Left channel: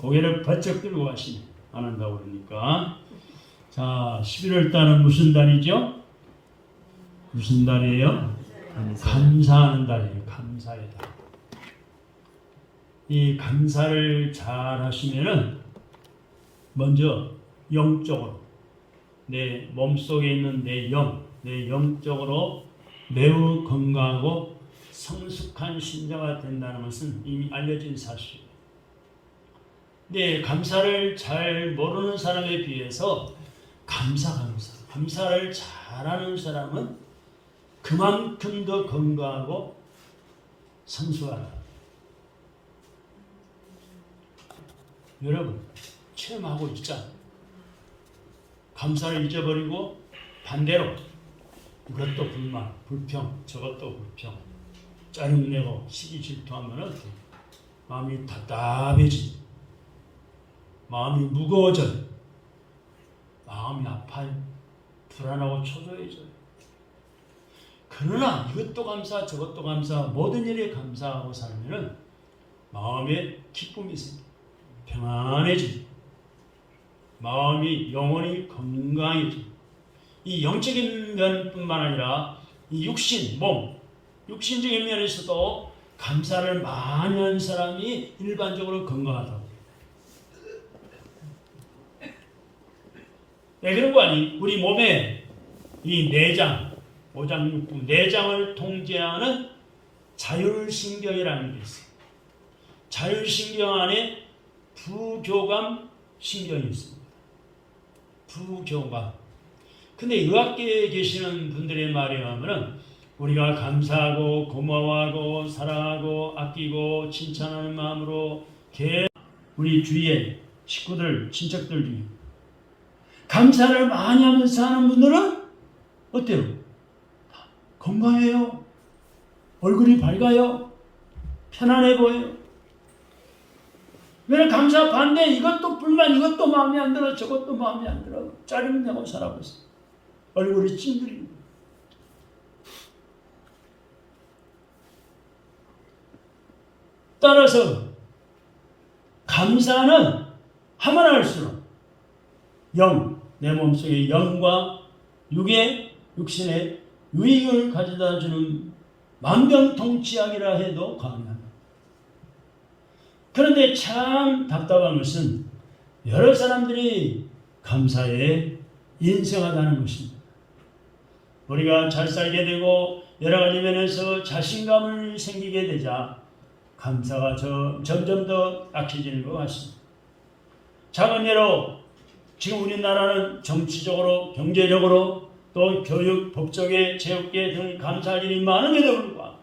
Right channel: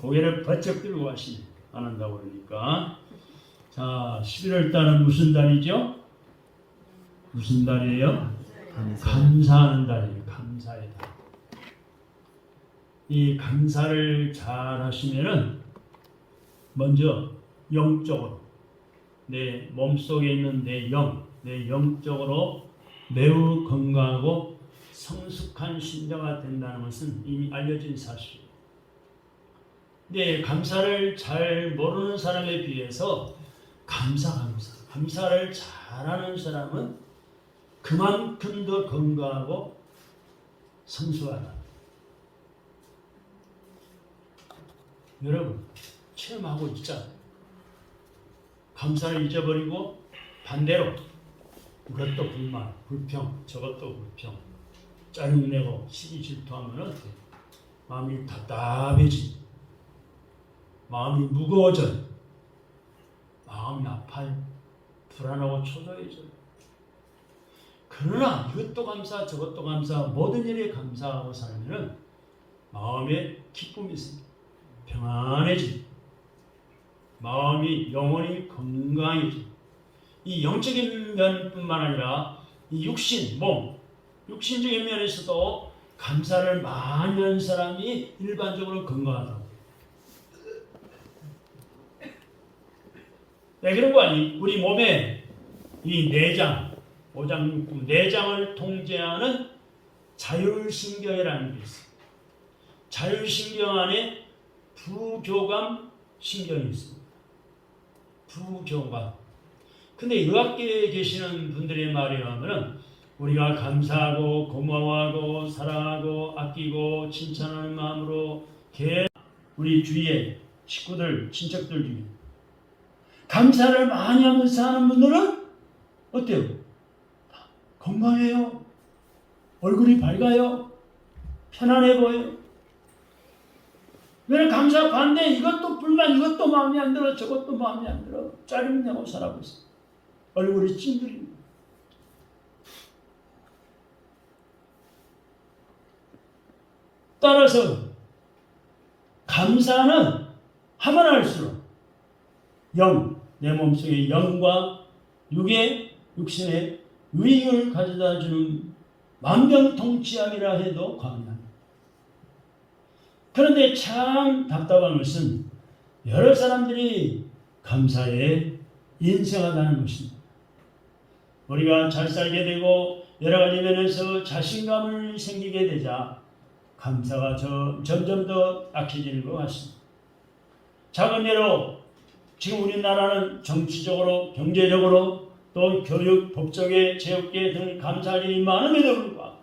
고개를 번쩍 들고 가시네. 안 한다고 그러니까. 자, 11월 달은 무슨 달이죠? 무슨 달이에요? 감사하는 달이에요. 감사의 달. 이 감사를 잘 하시면은 먼저 영적으로 내 몸속에 있는 내 영적으로 매우 건강하고 성숙한 신자가 된다는 것은 이미 알려진 사실이에요. 근데 감사를 잘 모르는 사람에 비해서 감사를 잘하는 사람은 그만큼 더 건강하고 성숙하다. 여러분 체험하고 있잖아요. 감사를 잊어버리고 반대로 이것도 불만, 불평, 저것도 불평, 짜증내고 시기 질투하면 마음이 답답해지, 마음이 무거워져, 마음이 아파요, 불안하고 초조해져요. 그러나 이것도 감사, 저것도 감사, 모든 일에 감사하고 살면 마음에 기쁨이 있습니다. 평안해지고 마음이 영원히 건강해지고 이 영적인 면뿐만 아니라 이 육신적인 면에서도 감사를 많이 하는 사람이 일반적으로 건강하다고. 네, 그런 거 아니? 우리 몸에 이 오장육부, 내장을 통제하는 자율신경이라는 게 있어요. 자율신경 안에 부교감 신경이 있습니다. 부교감. 근데 의학계에 계시는 분들의 말에 의하면 우리가 감사하고 고마워하고 사랑하고 아끼고 칭찬하는 마음으로 우리 주위에 식구들, 친척들 중에 감사를 많이 하면서 하는 분들은 어때요? 건강해요. 얼굴이 밝아요. 편안해 보여요. 왜냐면 감사 반대 이것도 불만, 이것도 마음에 안 들어, 저것도 마음에 안 들어. 짜증내고 살아고 있어. 얼굴이 찡그리고. 따라서 감사는 하면 할수록 내 몸속의 영과 육신의 유익을 가져다주는 만병통치약이라 해도 과언합니다. 그런데 참 답답한 것은 여러 사람들이 감사에 인색하다는 것입니다. 우리가 잘 살게 되고 여러 가지 면에서 자신감을 생기게 되자 감사가 점점 더 약해지는 것 같습니다. 작은 예로 지금 우리나라는 정치적으로, 경제적으로, 또 교육, 법조계, 체육계 등 감사할 일이 많음에도 불구하고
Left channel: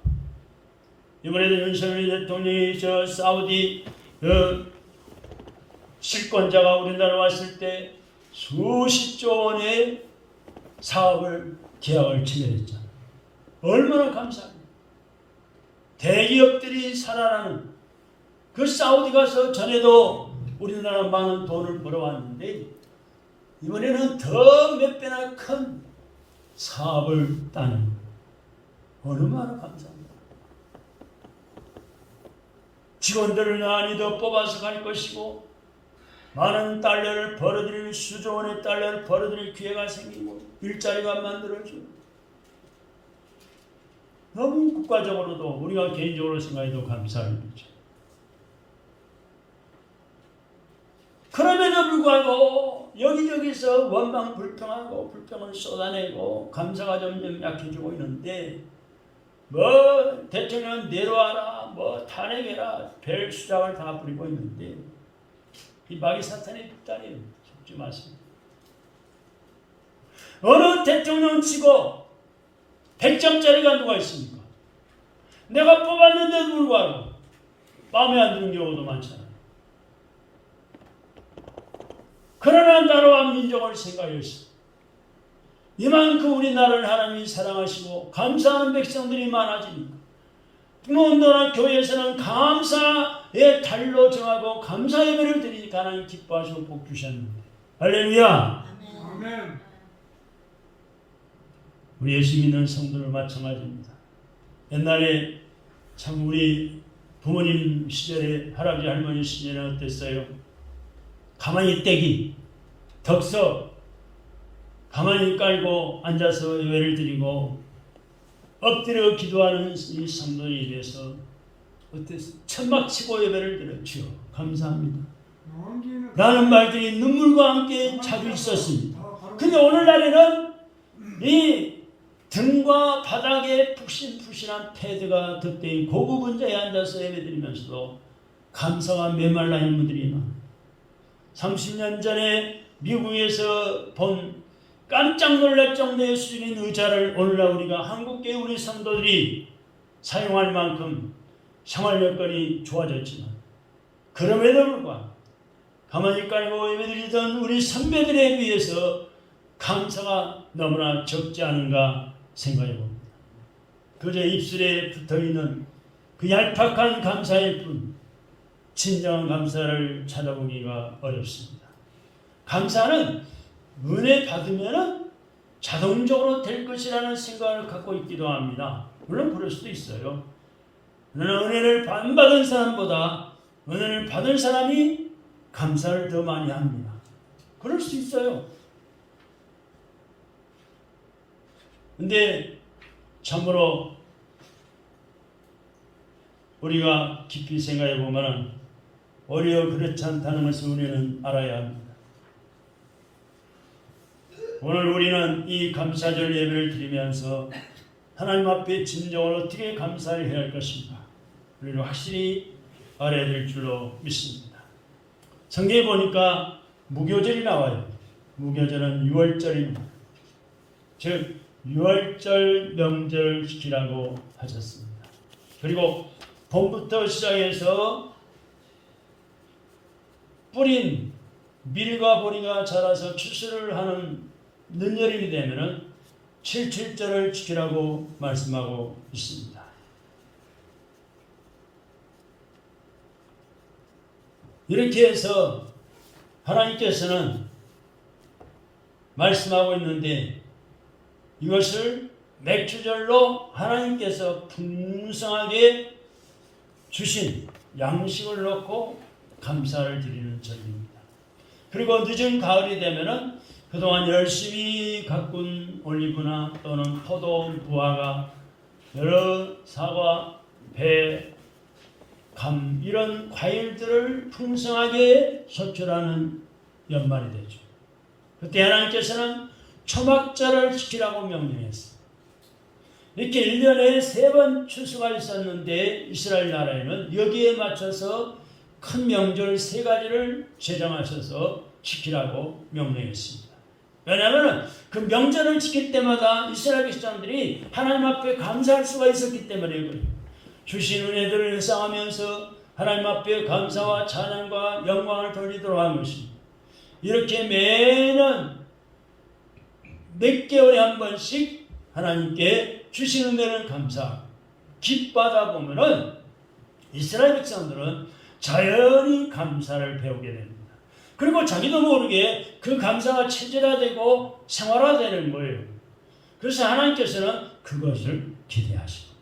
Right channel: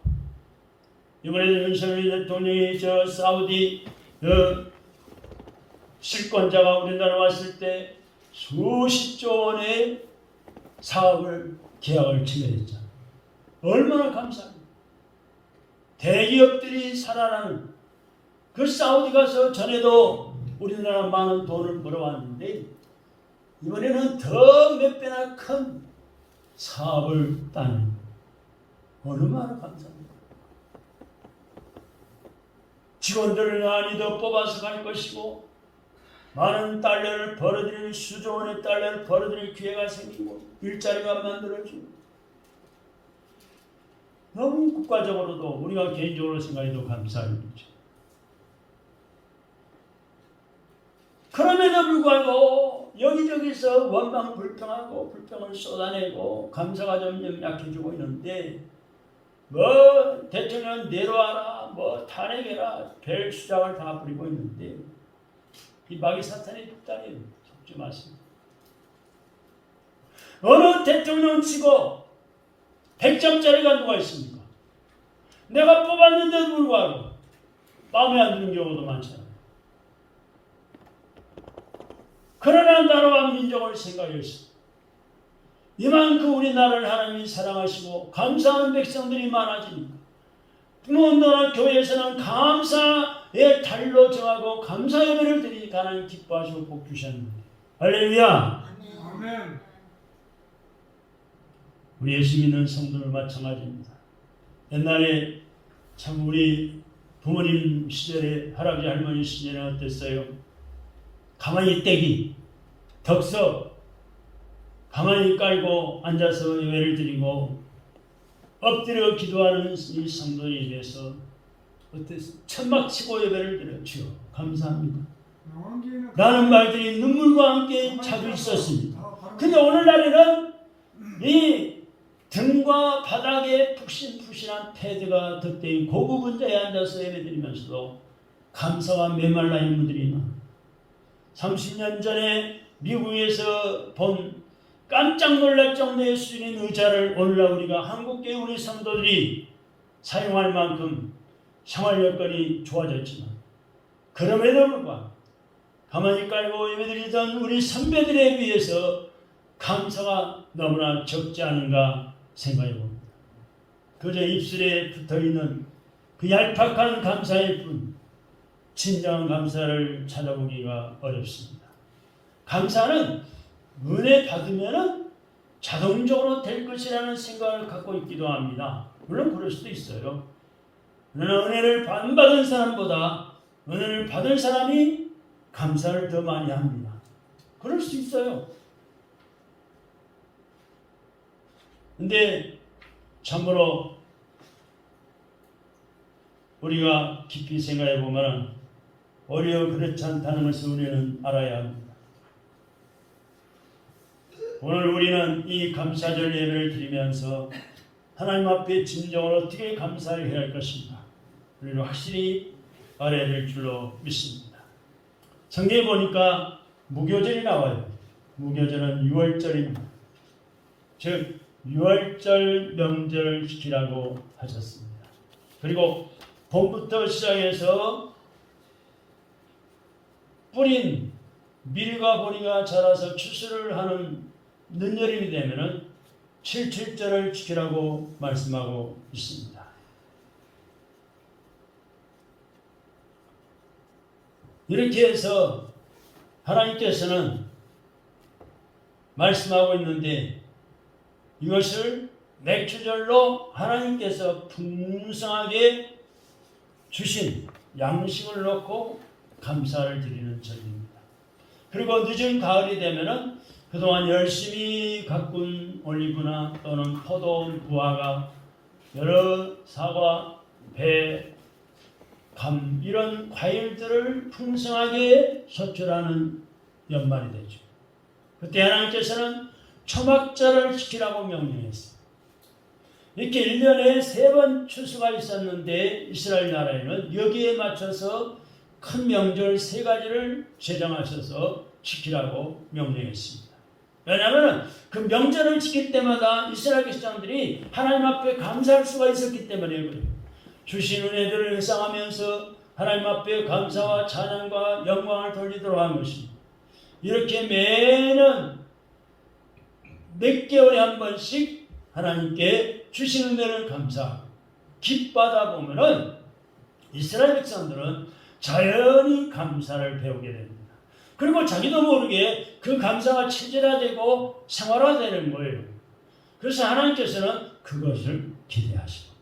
이번에도 윤석열 대통령이 사우디 실권자가 우리나라 왔을 때 수십조 원의 계약을 체결했죠. 얼마나 감사합니다. 대기업들이 살아나는 그 사우디 가서 전에도 우리나라 많은 돈을 벌어왔는데 이번에는 더 몇 배나 큰 사업을 따는 얼마나 감사합니다. 직원들을 많이 더 뽑아서 갈 것이고 많은 달러를 벌어들일 수조 원의 달러를 벌어들일 기회가 생기고 일자리가 만들어지고 너무 국가적으로도 우리가 개인적으로 생각해도 감사할 일이죠. 그럼에도 불구하고 여기저기서 원망 불평하고 불평을 쏟아내고 감사가 점점 약해지고 있는데 대통령 내려와라 탄핵해라 별 수작을 다 부리고 있는데 이 마귀 사탄의 빅단이에요. 속지 마세요. 어느 대통령 치고 100점짜리가 누가 있습니까? 내가 뽑았는데도 불구하고 마음에 안 드는 경우도 많잖아요. 그러나 나라와 민족을 생각했어. 이만큼 우리나라를 하나님이 사랑하시고 감사하는 백성들이 많아지니 부모나 교회에서는 감사의 달로 정하고 감사 예배를 드리니까 하나님 기뻐하시고 복 주셨는데 할렐루야. 아멘. 우리 예수 믿는 성도들 마찬가지입니다. 옛날에 참 우리 부모님 시절에, 할아버지 할머니 시절에 어땠어요? 가만히 떼기, 덕서, 가만히 깔고 앉아서 예배를 드리고 엎드려 기도하는 이 성도에 대해서 어땠어요? 천막치고 예배를 드려 주여 감사합니다 라는 말들이 눈물과 함께 자주 있었습니다. 근데 오늘날에는 이 등과 바닥에 푹신푹신한 패드가 덧대인 고급 의자에 앉아서 예배드리면서도 감사와 메말라 있는 분들이 많아. 30년 전에 미국에서 본 깜짝 놀랄 정도의 수준인 의자를 오늘날 우리가 한국계 우리 성도들이 사용할 만큼 생활 여건이 좋아졌지만 그럼에도 불구하고 가만히 깔고 예배드리던 우리 선배들에 비해서 감사가 너무나 적지 않은가 생각해 봅니다. 그저 입술에 붙어있는 그 얄팍한 감사일 뿐 진정한 감사를 찾아보기가 어렵습니다. 감사는 은혜 받으면 자동적으로 될 것이라는 생각을 갖고 있기도 합니다. 물론 그럴 수도 있어요. 그러나 은혜를 안 받은 사람보다 은혜를 받은 사람이 감사를 더 많이 합니다. 그럴 수 있어요. 근데 참으로 우리가 깊이 생각해 보면 오히려 그렇지 않다는 것을 우리는 알아야 합니다. 오늘 우리는 이 감사절 예배를 드리면서 하나님 앞에 진정으로 어떻게 감사를 해야 할 것인가 우리는 확실히 알아야 될 줄로 믿습니다. 성경에 보니까 무교절이 나와요. 무교절은 6월절입니다. 즉 6월절 명절 지키라고 하셨습니다. 그리고 봄부터 시작해서 뿌린 밀과 보리가 자라서 추수를 하는 늦여름이 되면은 77절을 지키라고 말씀하고 있습니다. 이렇게 해서 하나님께서는 말씀하고 있는데 이것을 맥주절로 하나님께서 풍성하게 주신 양식을 놓고 감사를 드리는 절입니다. 그리고 늦은 가을이 되면은 그동안 열심히 가꾼 올리브나 또는 포도, 무화과, 여러 사과, 배, 감 이런 과일들을 풍성하게 소출하는 연말이 되죠. 그때 하나님께서는 초막절을 지키라고 명령했어요. 이렇게 1년에 3번 추수가 있었는데 이스라엘 나라에는 여기에 맞춰서 큰 명절 3가지를 제정하셔서 지키라고 명령했습니다. 왜냐하면 그 명절을 지킬 때마다 이스라엘 백성들이 하나님 앞에 감사할 수가 있었기 때문에 그래요. 주신 은혜들을 회상하면서 하나님 앞에 감사와 찬양과 영광을 돌리도록 한 것입니다. 이렇게 매년 몇 개월에 한 번씩 하나님께 주신 은혜를 감사하고 기뻐하다 보면은 이스라엘 백성들은 자연히 감사를 배우게 됩니다. 그리고 자기도 모르게 그 감사가 체질화되고 생활화되는 거예요. 그래서 하나님께서는 그것을 기대하시고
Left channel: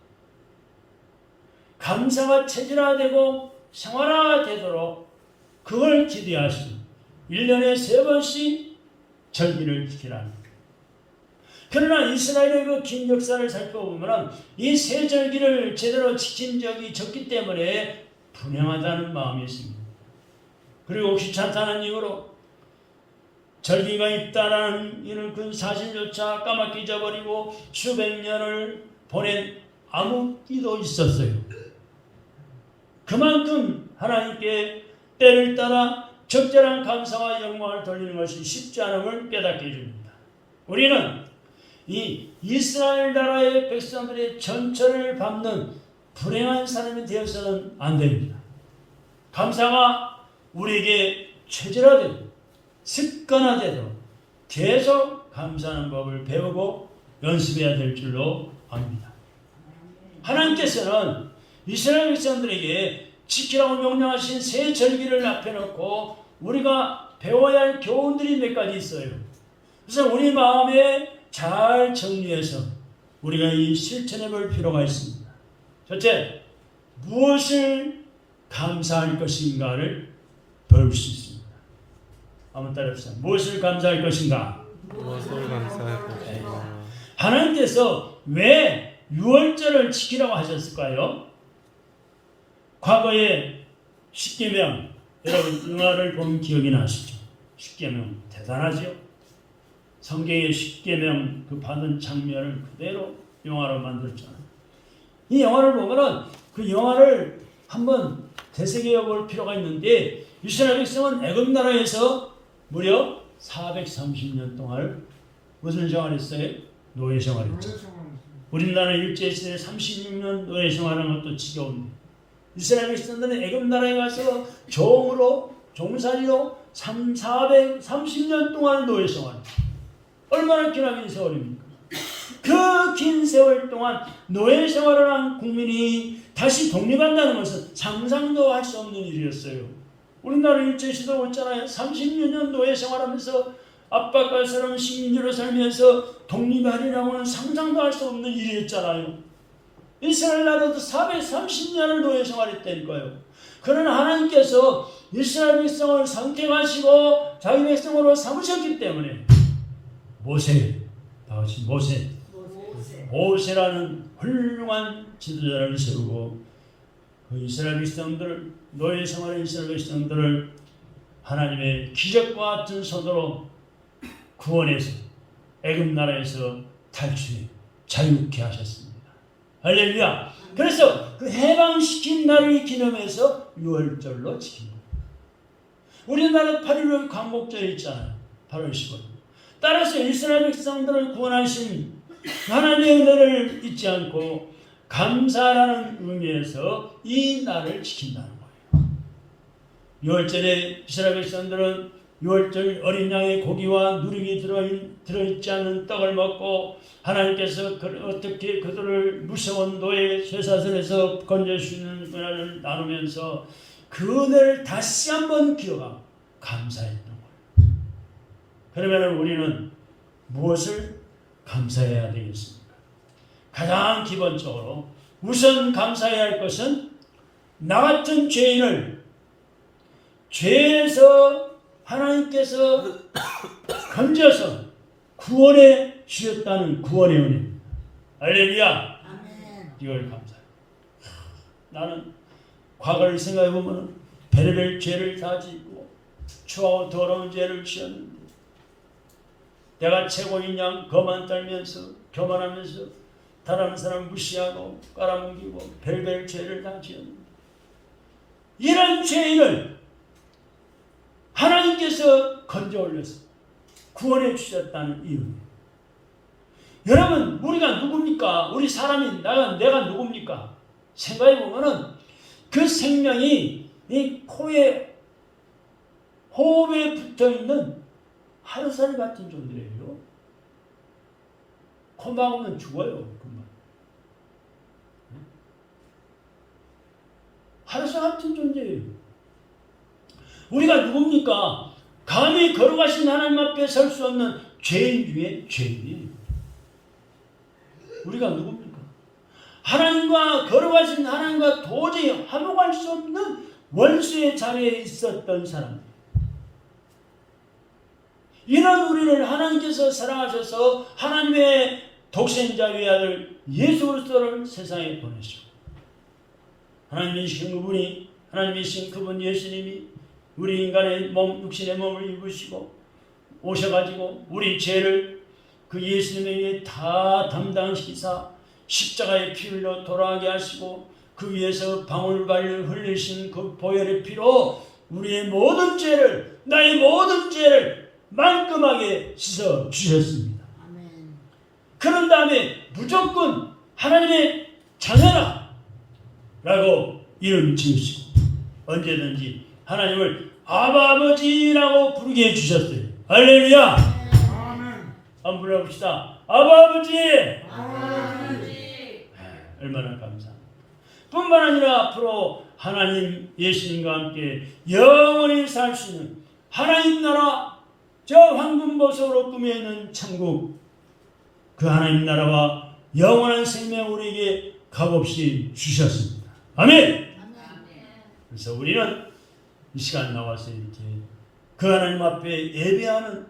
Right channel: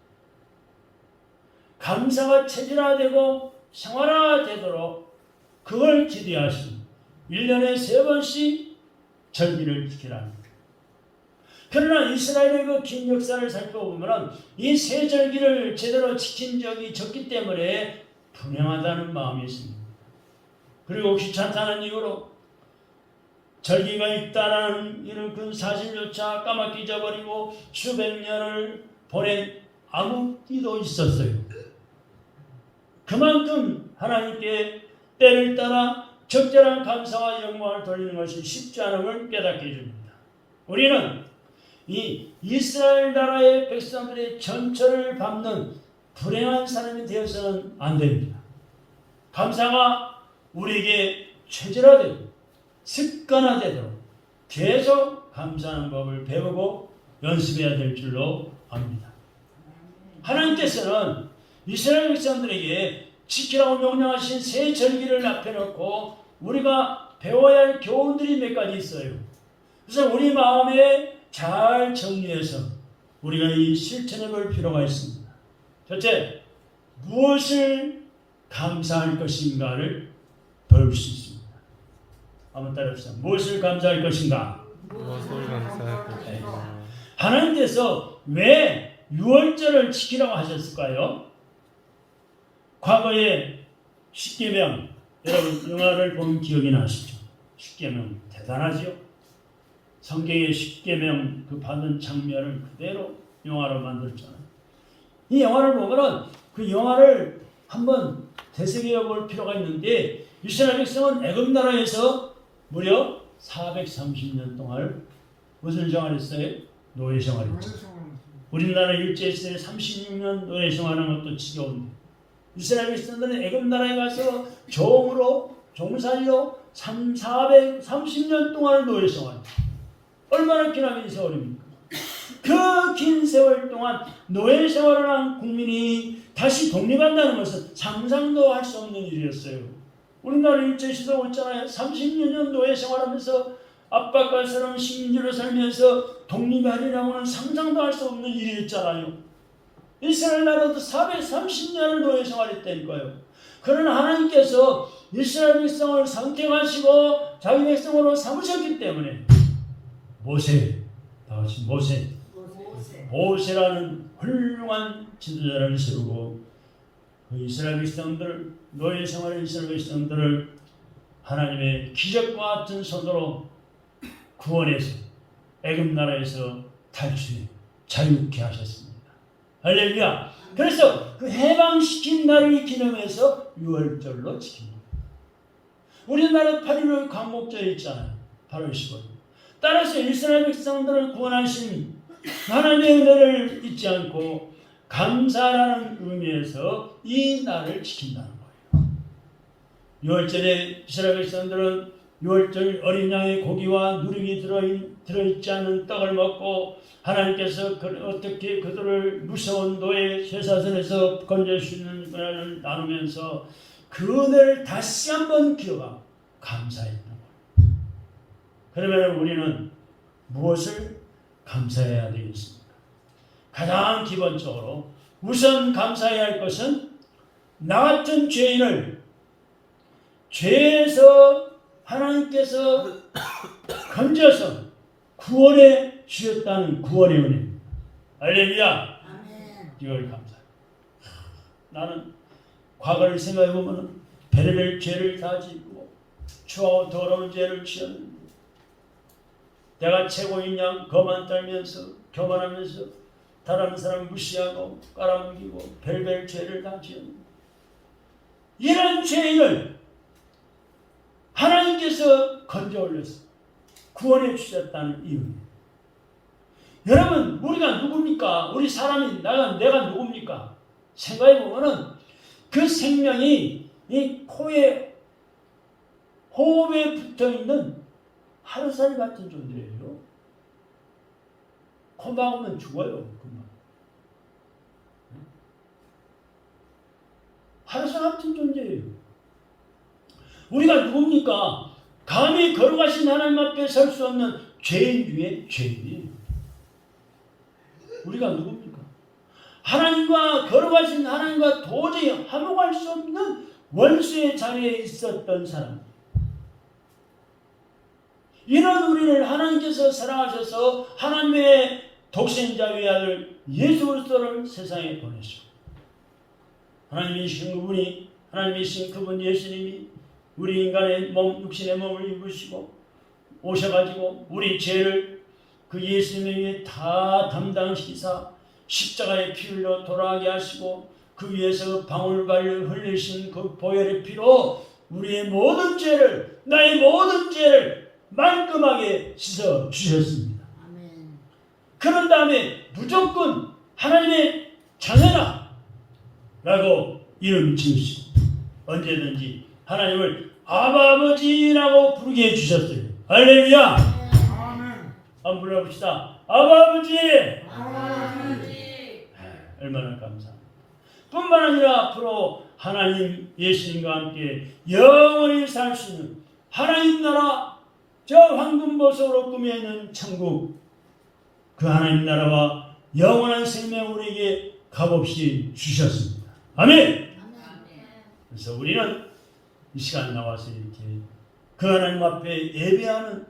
감사가 체질화되고 생활화되도록 그걸 기대하시고 1년에 3번씩 절기를 지키라는 거예요. 그러나 이스라엘의 그 긴 역사를 살펴보면 이 3절기를 제대로 지킨 적이 적기 때문에 분양하다는 마음이 있습니다. 그리고 귀찮다는 이유로 절기가 있다는 이런 그 사실조차 까맣게 잊어버리고 수백 년을 보낸 암흑기도 있었어요. 그만큼 하나님께 때를 따라 적절한 감사와 영광을 돌리는 것이 쉽지 않음을 깨닫게 해줍니다. 우리는 이 이스라엘 나라의 백성들의 전철을 밟는 불행한 사람이 되어서는 안 됩니다. 감사가 우리에게 체질화되고 습관화되도록 계속 감사하는 법을 배우고 연습해야 될 줄로 압니다. 하나님께서는 이스라엘 백성들에게 지키라고 명령하신 3 절기를 앞에 놓고 우리가 배워야 할 교훈들이 몇 가지 있어요. 그래서 우리 마음에 잘 정리해서 우리가 이 실천해 볼 필요가 있습니다. 첫째, 무엇을 감사할 것인가를 배울 수 있습니다. 한번 따라해보세요. 무엇을 감사할 것인가? 무엇을 감사할 것인가? 하나님께서 왜 유월절을 지키라고 하셨을까요? 과거에 십계명, 여러분 영화를 보면 기억이 나시죠? 십계명 대단하죠? 성경의 십계명 그 받은 장면을 그대로 영화로 만들었잖아요. 이 영화를 보면은 그 영화를 한번 되새겨 볼 필요가 있는데, 이스라엘 백성은 애굽 나라에서 무려 430년 동안 무슨 생활했어요? 노예 생활했죠. 우리나라 일제시대에 36년 노예 생활하는 것도 지겨운데, 이스라엘 백성들은 애굽 나라에 가서 종으로 종살이로 430년 동안 노예 생활. 얼마나 긴 세월입니까? 그 긴 세월 동안 노예 생활을 한 국민이 다시 독립한다는 것은 상상도 할 수 없는 일이었어요. 우리나라 일제시대가 있잖아요. 30년 노예 생활하면서 압박과 사람 식민지로 살면서 독립하리라고는 상상도 할 수 없는 일이었잖아요. 이스라엘 나라도 430년을 노예 생활했다니까요. 그러나 하나님께서 이스라엘 백성을 선택하시고 자기 백성으로 삼으셨기 때문에 모세라는 훌륭한 지도자를 세우고 그 이스라엘 백성들을, 노예 생활의 이스라엘 백성들을 하나님의 기적과 같은 손으로 구원해서 애굽 나라에서 탈출해 자유케 하셨습니다. 할렐루야. 그래서 그 해방시킨 날을 기념해서 유월절로 지킵니다. 우리나라 8.15 광복절이 있잖아요. 8월 15일. 따라서 이스라엘 백성들을 구원하신 하나님의 은혜를 잊지 않고 감사하는 의미에서 이 날을 지킨다는 거예요. 유월절에 이스라엘 백성들은 유월절 어린 양의 고기와 누룩이 들어있지 않은 떡을 먹고 하나님께서 어떻게 그들을 무서운 노예 쇠사슬에서 건져주시는 은혜를 나누면서 그 은혜를 다시 한번 기억하고 감사했던 거예요. 그러면 우리는 무엇을 감사해야 되겠습니까? 가장 기본적으로 우선 감사해야 할 것은 나 같은 죄인을 죄에서 하나님께서 건져서 구원해 주셨다는 구원의 은혜. 할렐루야. 이걸 감사. 나는 과거를 생각해보면 별의별 죄를 다 짓고 추하고 더러운 죄를 지었는데 내가 최고인 양 거만 떨면서 교만하면서 다른 사람 무시하고 깔아뭉기고 별별 죄를 다 지었는데 이런 죄인을 하나님께서 건져 올려서 구원해 주셨다는 이유입니다. 여러분, 우리가 누굽니까? 우리 사람이 내가 누굽니까? 생각해 보면은 그 생명이 이 코에 호흡에 붙어 있는 하루살 같은 존재예요. 코 막으면 죽어요. 금방. 하루살 같은 존재예요. 우리가 누굽니까? 감히 걸어가신 하나님 앞에 설 수 없는 죄인 중에 죄인이에요. 우리가 누굽니까? 하나님과 걸어가신 하나님과 도저히 화목할 수 없는 원수의 자리에 있었던 사람. 이런 우리를 하나님께서 사랑하셔서 하나님의 독생자 외아들 예수 그리스도를 세상에 보내시고 하나님이신 분이 하나님이신 그분 예수님이 우리 인간의 몸, 육신의 몸을 입으시고 오셔가지고 우리 죄를 그 예수님에 의해 다 담당시키사 십자가의 피로 돌아가게 하시고 그 위에서 방울발을 흘리신 그 보혈의 피로 우리의 모든 죄를, 나의 모든 죄를 말끔하게 씻어 주셨습니다. 그런 다음에 무조건 하나님의 자녀라 라고 이름 지으시고 언제든지 하나님을 아버지라고 부르게 해주셨어요. 할렐루야. 한번 불러봅시다. 아버지. 얼마나 감사합니다. 뿐만 아니라 앞으로 하나님 예수님과 함께 영원히 살 수 있는 하나님 나라, 저 황금보석으로 꾸며있는 천국, 그 하나님 나라와 영원한 생명 우리에게 값없이 주셨습니다. 아멘. 그래서 우리는 이 시간 나와서 이렇게 그 하나님 앞에 예배하는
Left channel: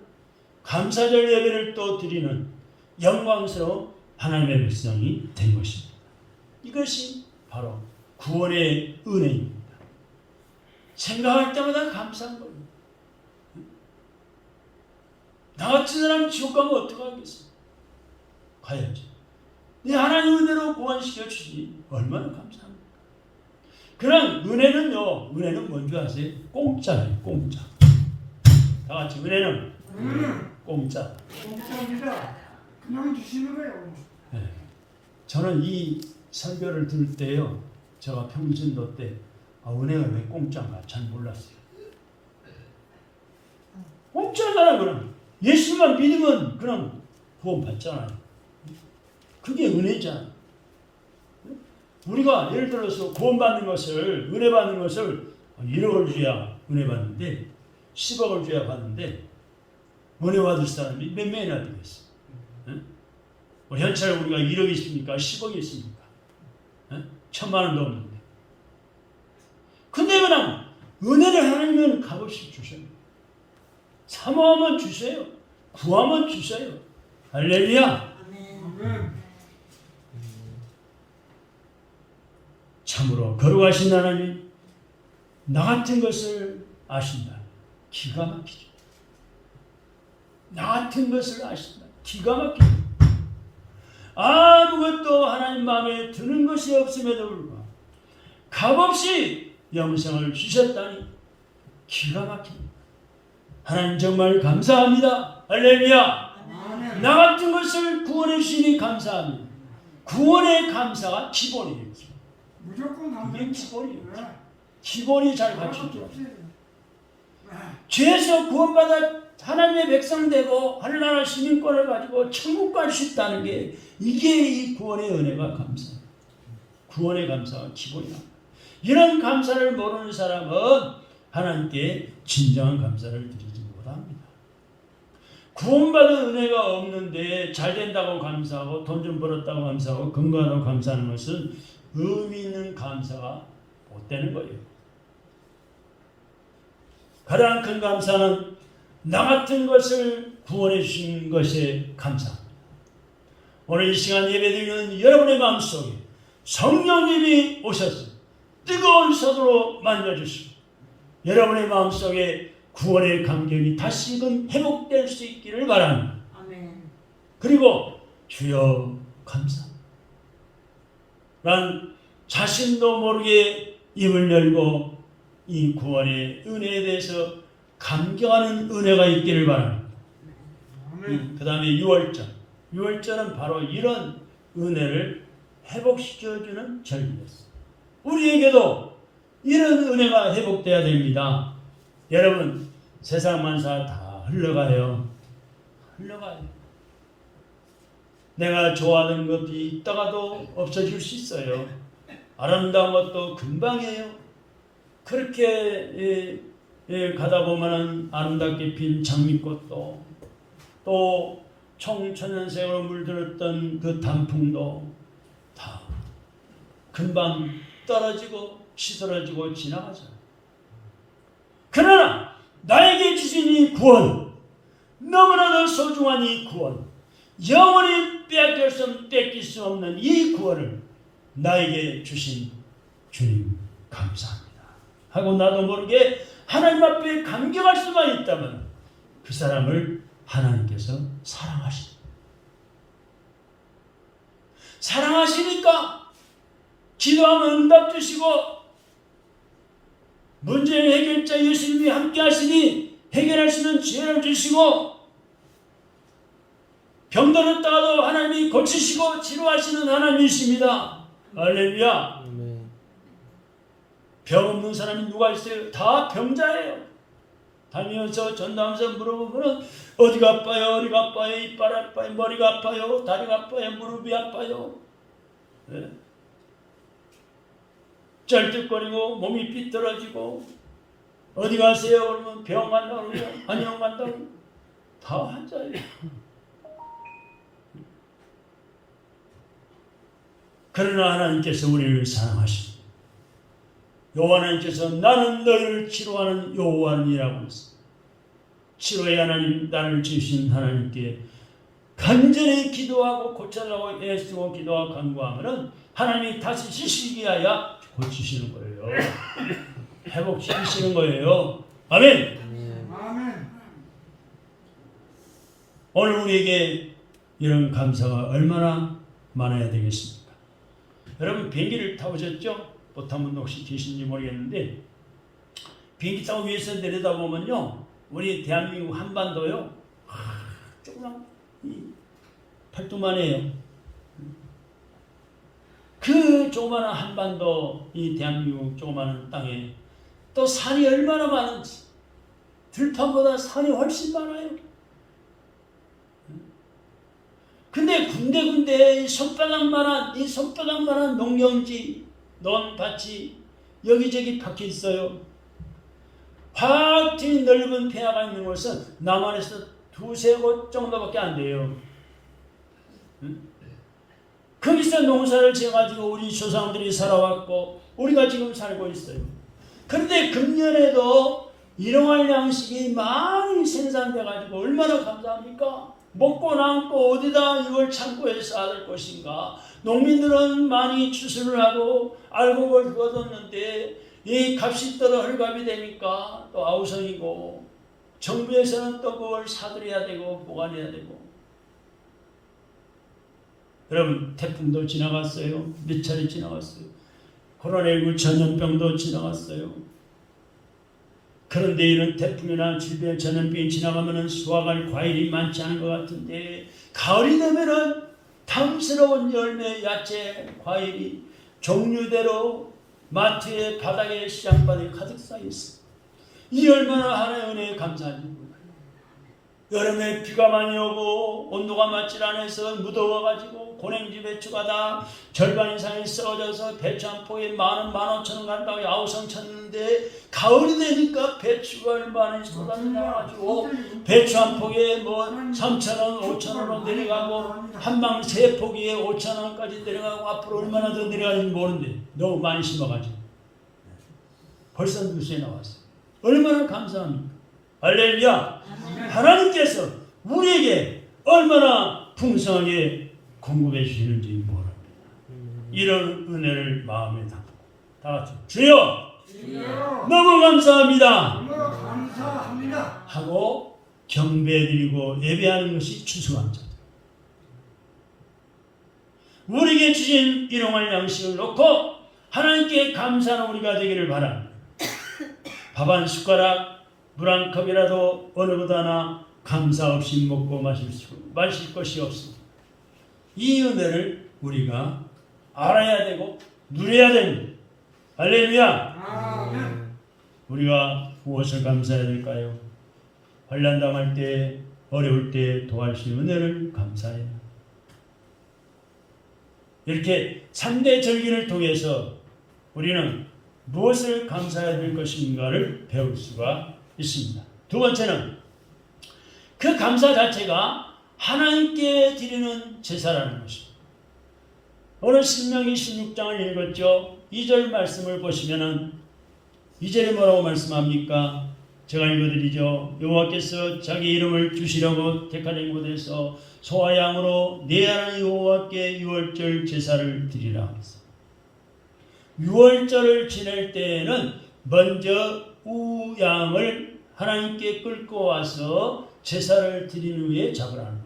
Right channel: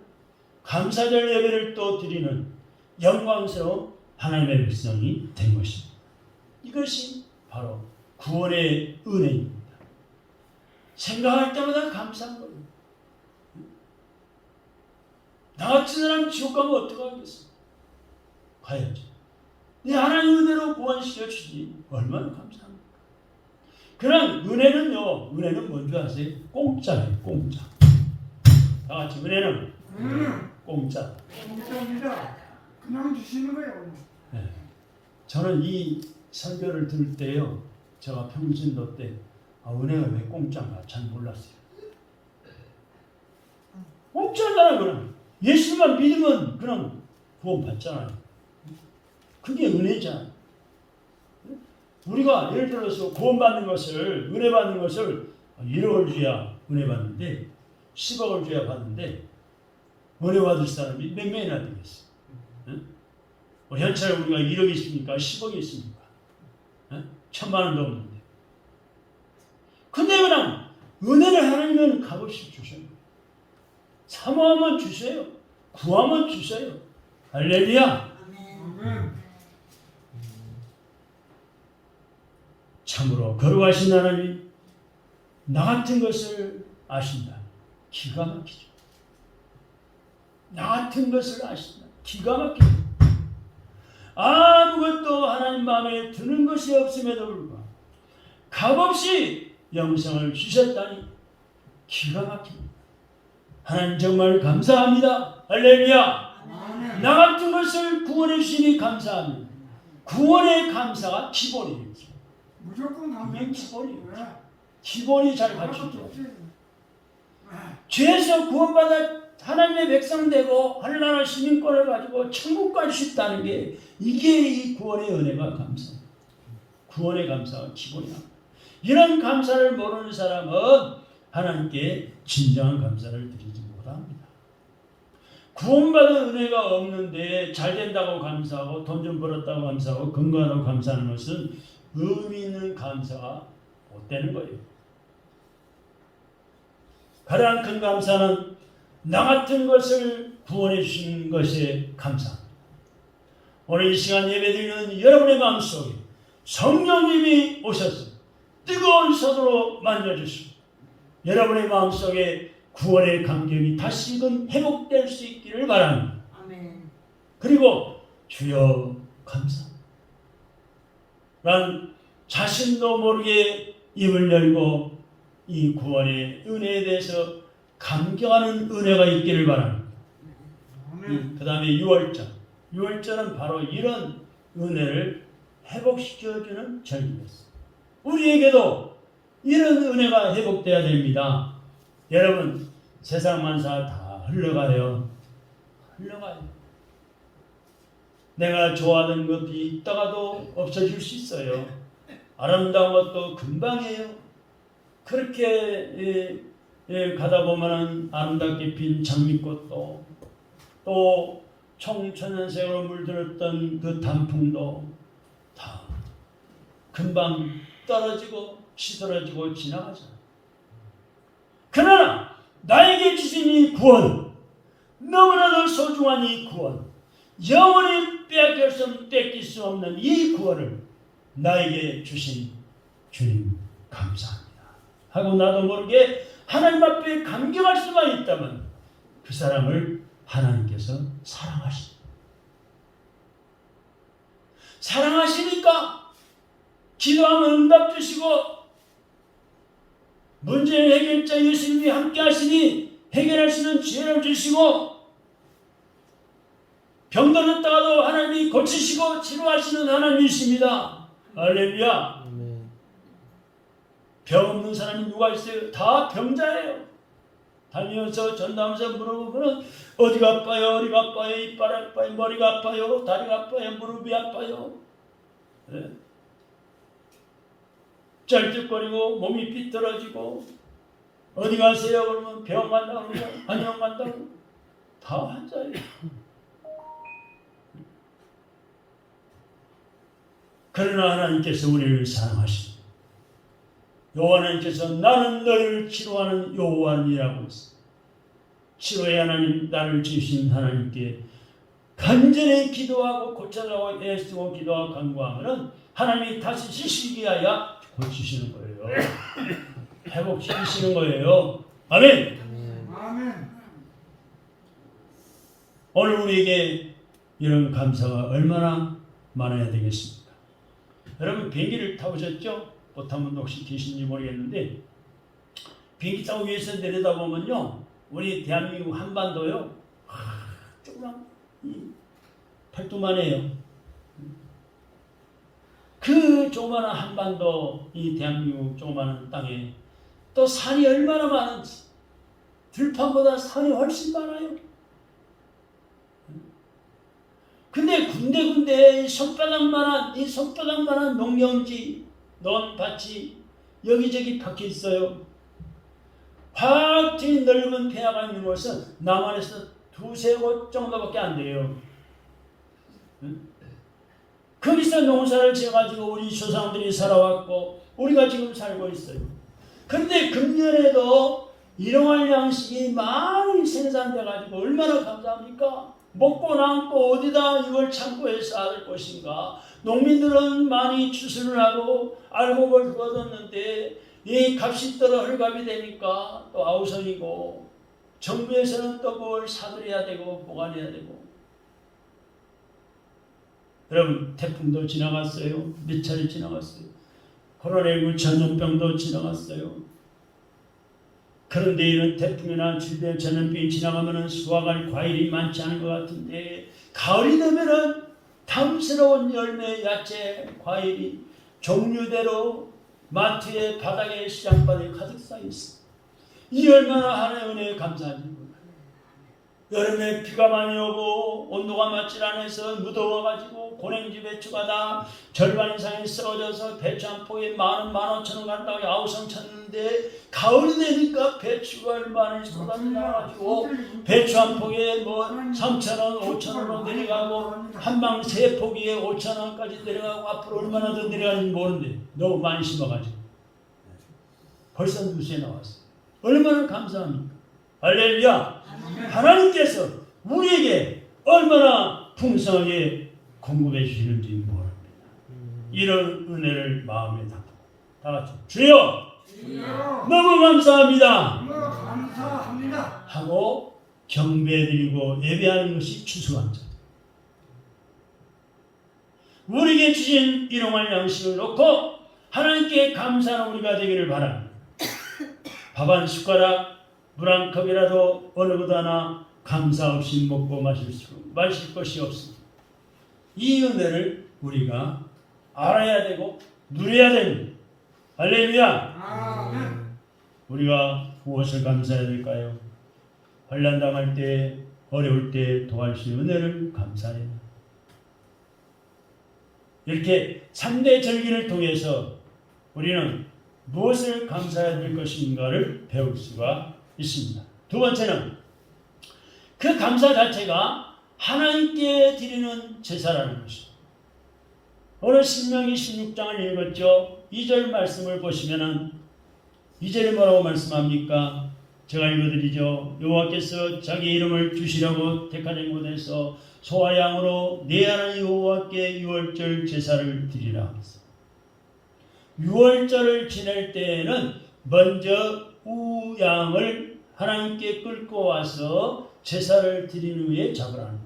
감사절 예배를 또 드리는 영광스러운 하나님의 백성이 된 것입니다. 이것이 바로 구원의 은혜입니다. 생각할 때마다 감사한 거예요. 나 같은 사람 지옥 가면 어떡하겠어? 가야지. 네 하나님 은혜로 구원시켜 주시니 얼마나 감사합니까? 그런 은혜는요, 은혜는 뭔지 아세요? 공짜예요, 공짜. 다 같이 은혜는 공짜. 공짜입니다. 그냥 주시는 거예요. 네. 저는 이 설교를 들을 때요, 제가 평신도 때 은혜가 왜 공짜인가 잘 몰랐어요. 공짜잖아, 그럼. 예수만 믿으면 그냥 구원 받잖아요. 그게 은혜잖아. 우리가 예를 들어서 구원받는 것을, 은혜 받는 것을 1억을 줘야 은혜 받는데 10억을 줘야 받는데 은혜 받을 사람이 몇 명이나 되겠어? 우리 현찰에 우리가 1억이 있습니까? 10억이 있습니까? 1,000만 원도 없는데. 근데 그냥 은혜를 하나님은 값없이 주셔요. 사모하면 주세요. 구하면 주세요. 할렐루야. 참으로 거룩하신 하나님, 나 같은 것을 아신다. 기가 막히죠. 나 같은 것을 아신다. 기가 막히죠. 아무것도 하나님 마음에 드는 것이 없음에도 불구하고 값없이 영생을 주셨다니 기가 막힙니다. 하나님 정말 감사합니다. 할렐루야. 나 같은 것을 구원해 주시니 감사합니다. 구원의 감사가 기본이에요. 무조건 감사합니다. 이게 기본이에요. 기본이 잘 갖춰져. 죄에서 구원받아 하나님의 백성 되고 하늘나라 시민권을 가지고 천국 갈 수 있다는 게 이게 이 구원의 은혜가 감사해요. 구원의 감사가 기본이야. 이런 감사를 모르는 사람은 하나님께 진정한 감사를 드리지 못합니다. 구원받은 은혜가 없는데 잘 된다고 감사하고 돈 좀 벌었다고 감사하고 건강하다고 감사하는 것은 의미 있는 감사가 못 되는 거예요. 가장 큰 감사는 나 같은 것을 구원해 주신 것에 감사합니다. 오늘 이 시간 예배드리는 여러분의 마음속에 성령님이 오셔서 뜨거운 손으로 만져주시고 여러분의 마음속에 구원의 감격이 다시금 회복될 수 있기를 바랍니다. 아멘. 그리고 주여 감사합니다. 난 자신도 모르게 입을 열고 이 구원의 은혜에 대해서 감격하는 은혜가 있기를 바랍니다. 그 다음에 6월절. 6월절은 바로 이런 은혜를 회복시켜주는 절기였습니다. 우리에게도 이런 은혜가 회복돼야 됩니다. 여러분, 세상 만사 다 흘러가요. 흘러가요. 내가 좋아하는 것이 있다가도 없어질 수 있어요. 아름다운 것도 금방이에요. 그렇게 가다 보면 아름답게 핀 장미꽃도 또 청천연색으로 물들었던 그 단풍도 다 금방 떨어지고 시들어지고 지나가죠. 그러나 나에게 주신 이 구원, 너무나도 소중한 이 구원, 영원히 뺏길 수 없는 이 구원을 나에게 주신 주님 감사합니다 하고 나도 모르게 하나님 앞에 감격할 수만 있다면 그 사람을 하나님께서 사랑하십니다. 사랑하시니까 기도하면 응답 주시고 문제의 해결자 예수님이 함께 하시니 해결할 수 있는 지혜를 주시고 병들었다가도 하나님이 고치시고 치료하시는 하나님이십니다. 할렐루야. 병 없는 사람이 누가 있어요? 다 병자예요. 다니면서 전담해서 물어보면 어디가 아파요? 어디가 아파요? 이빨 아파요? 머리가 아파요? 다리가 아파요? 무릎이 아파요? 네. 쩔뚝거리고 몸이 삐뚤어지고 어디 가세요? 그러면 병 간다고 그러고 한의원 간다고 다 환자예요. 그러나 하나님께서 우리를 사랑하십니다. 여호와께서 나는 너희를 치료하는 여호와니라고 했습니다. 치료의 하나님, 나를 지으신 하나님께 간절히 기도하고 고쳐라고 애쓰고 기도하고 간구하면 하나님이 다시 지시기 위하여 고치시는 거예요. 회복시키시는 거예요. 아멘. 아멘. 오늘 우리에게 이런 감사가 얼마나 많아야 되겠습니까? 여러분 비행기를 타보셨죠? 못 타면 혹시 계신지 모르겠는데 비행기 타고 위에서 내려다보면요, 우리 대한민국 한반도요, 조그만 팔뚝만해요. 그 조그마한 한반도, 이 대한민국 조그마한 땅에 또 산이 얼마나 많은지, 들판보다 산이 훨씬 많아요. 근데 군데군데 손바닥만한 농경지, 논밭이 여기저기 박혀 있어요. 확 트인 넓은 폐하가 있는 곳은 남한에서 두세 곳 정도밖에 안 돼요. 거기서 농사를 지어가지고 우리 조상들이 살아왔고 우리가 지금 살고 있어요. 그런데 금년에도 일용할 양식이 많이 생산돼가지고 얼마나 감사합니까? 먹고 남고 어디다 이걸 창고에 쌓아야 될 것인가? 농민들은 많이 추수를 하고 알곡을 거뒀는데 이 값이 떨어 헐값이 되니까 또 아우성이고, 정부에서는 또 그걸 사들여야 되고 보관해야 되고. 여러분 태풍도 지나갔어요. 몇 차례 지나갔어요. 코로나19 전염병도 지나갔어요. 그런데 이런 태풍이나 질병, 전염병이 지나가면은 수확할 과일이 많지 않은 것 같은데, 가을이 되면은 탐스러운 열매, 야채, 과일이 종류대로 마트에, 바닥에, 시장바닥에 가득 쌓여 있어. 이 얼마나 하나의 은혜에 감사합니다. 여름에 비가 많이 오고 온도가 맞질 않아서 무더워가지고 고랭지 배추가 다 절반 이상이 썩어져서 배추 한 포에 15,000원 가까이 아우성 쳤는데, 가을이 되니까 배추가 얼마나 쏟아져가지고 배추 한 포기에 뭐 3,000원, 5,000원으로 내려가고 한방 세 포기에 5,000원까지 내려가고 앞으로 얼마나 더 내려가는지 모르는데 너무 많이 심어가지고 벌써 뉴스에 나왔어요. 얼마나 감사합니까? 할렐루야. 하나님께서 우리에게 얼마나 풍성하게 공급해 주시는지 모릅니다. 이런 은혜를 마음에 담고 다 같이 주여 너무 감사합니다 감사합니다 하고 경배드리고 예배하는 것이 추수감사. 우리에게 주신 일용할 양식을 놓고 하나님께 감사하는 우리가 되기를 바랍니다. 밥 한 숟가락, 물 한 컵이라도 어느 것 하나 감사 없이 먹고 마실 것이 없습니다. 이 은혜를 우리가 알아야 되고 누려야 됩니다. 할렐루야. 우리가 무엇을 감사해야 될까요? 환난 당할 때, 어려울 때 도와줄 수 있는 은혜를 감사해야 합니다. 이렇게 3대 절기를 통해서 우리는 무엇을 감사해야 될 것인가를 배울 수가 있습니다. 두 번째는 그 감사 자체가 하나님께 드리는 제사라는 것입니다. 오늘 신명기 16장을 읽었죠. 2절 말씀을 보시면은 2절에 뭐라고 말씀합니까? 제가 읽어드리죠. 여호와께서 자기 이름을 주시려고 택하신 곳에서 소와 양으로 내 하나님 여호와께 유월절 제사를 드리라 하면서, 유월절을 지낼 때에는 먼저 우양을 하나님께 끌고 와서 제사를 드린 후에 잡으라는 거예요.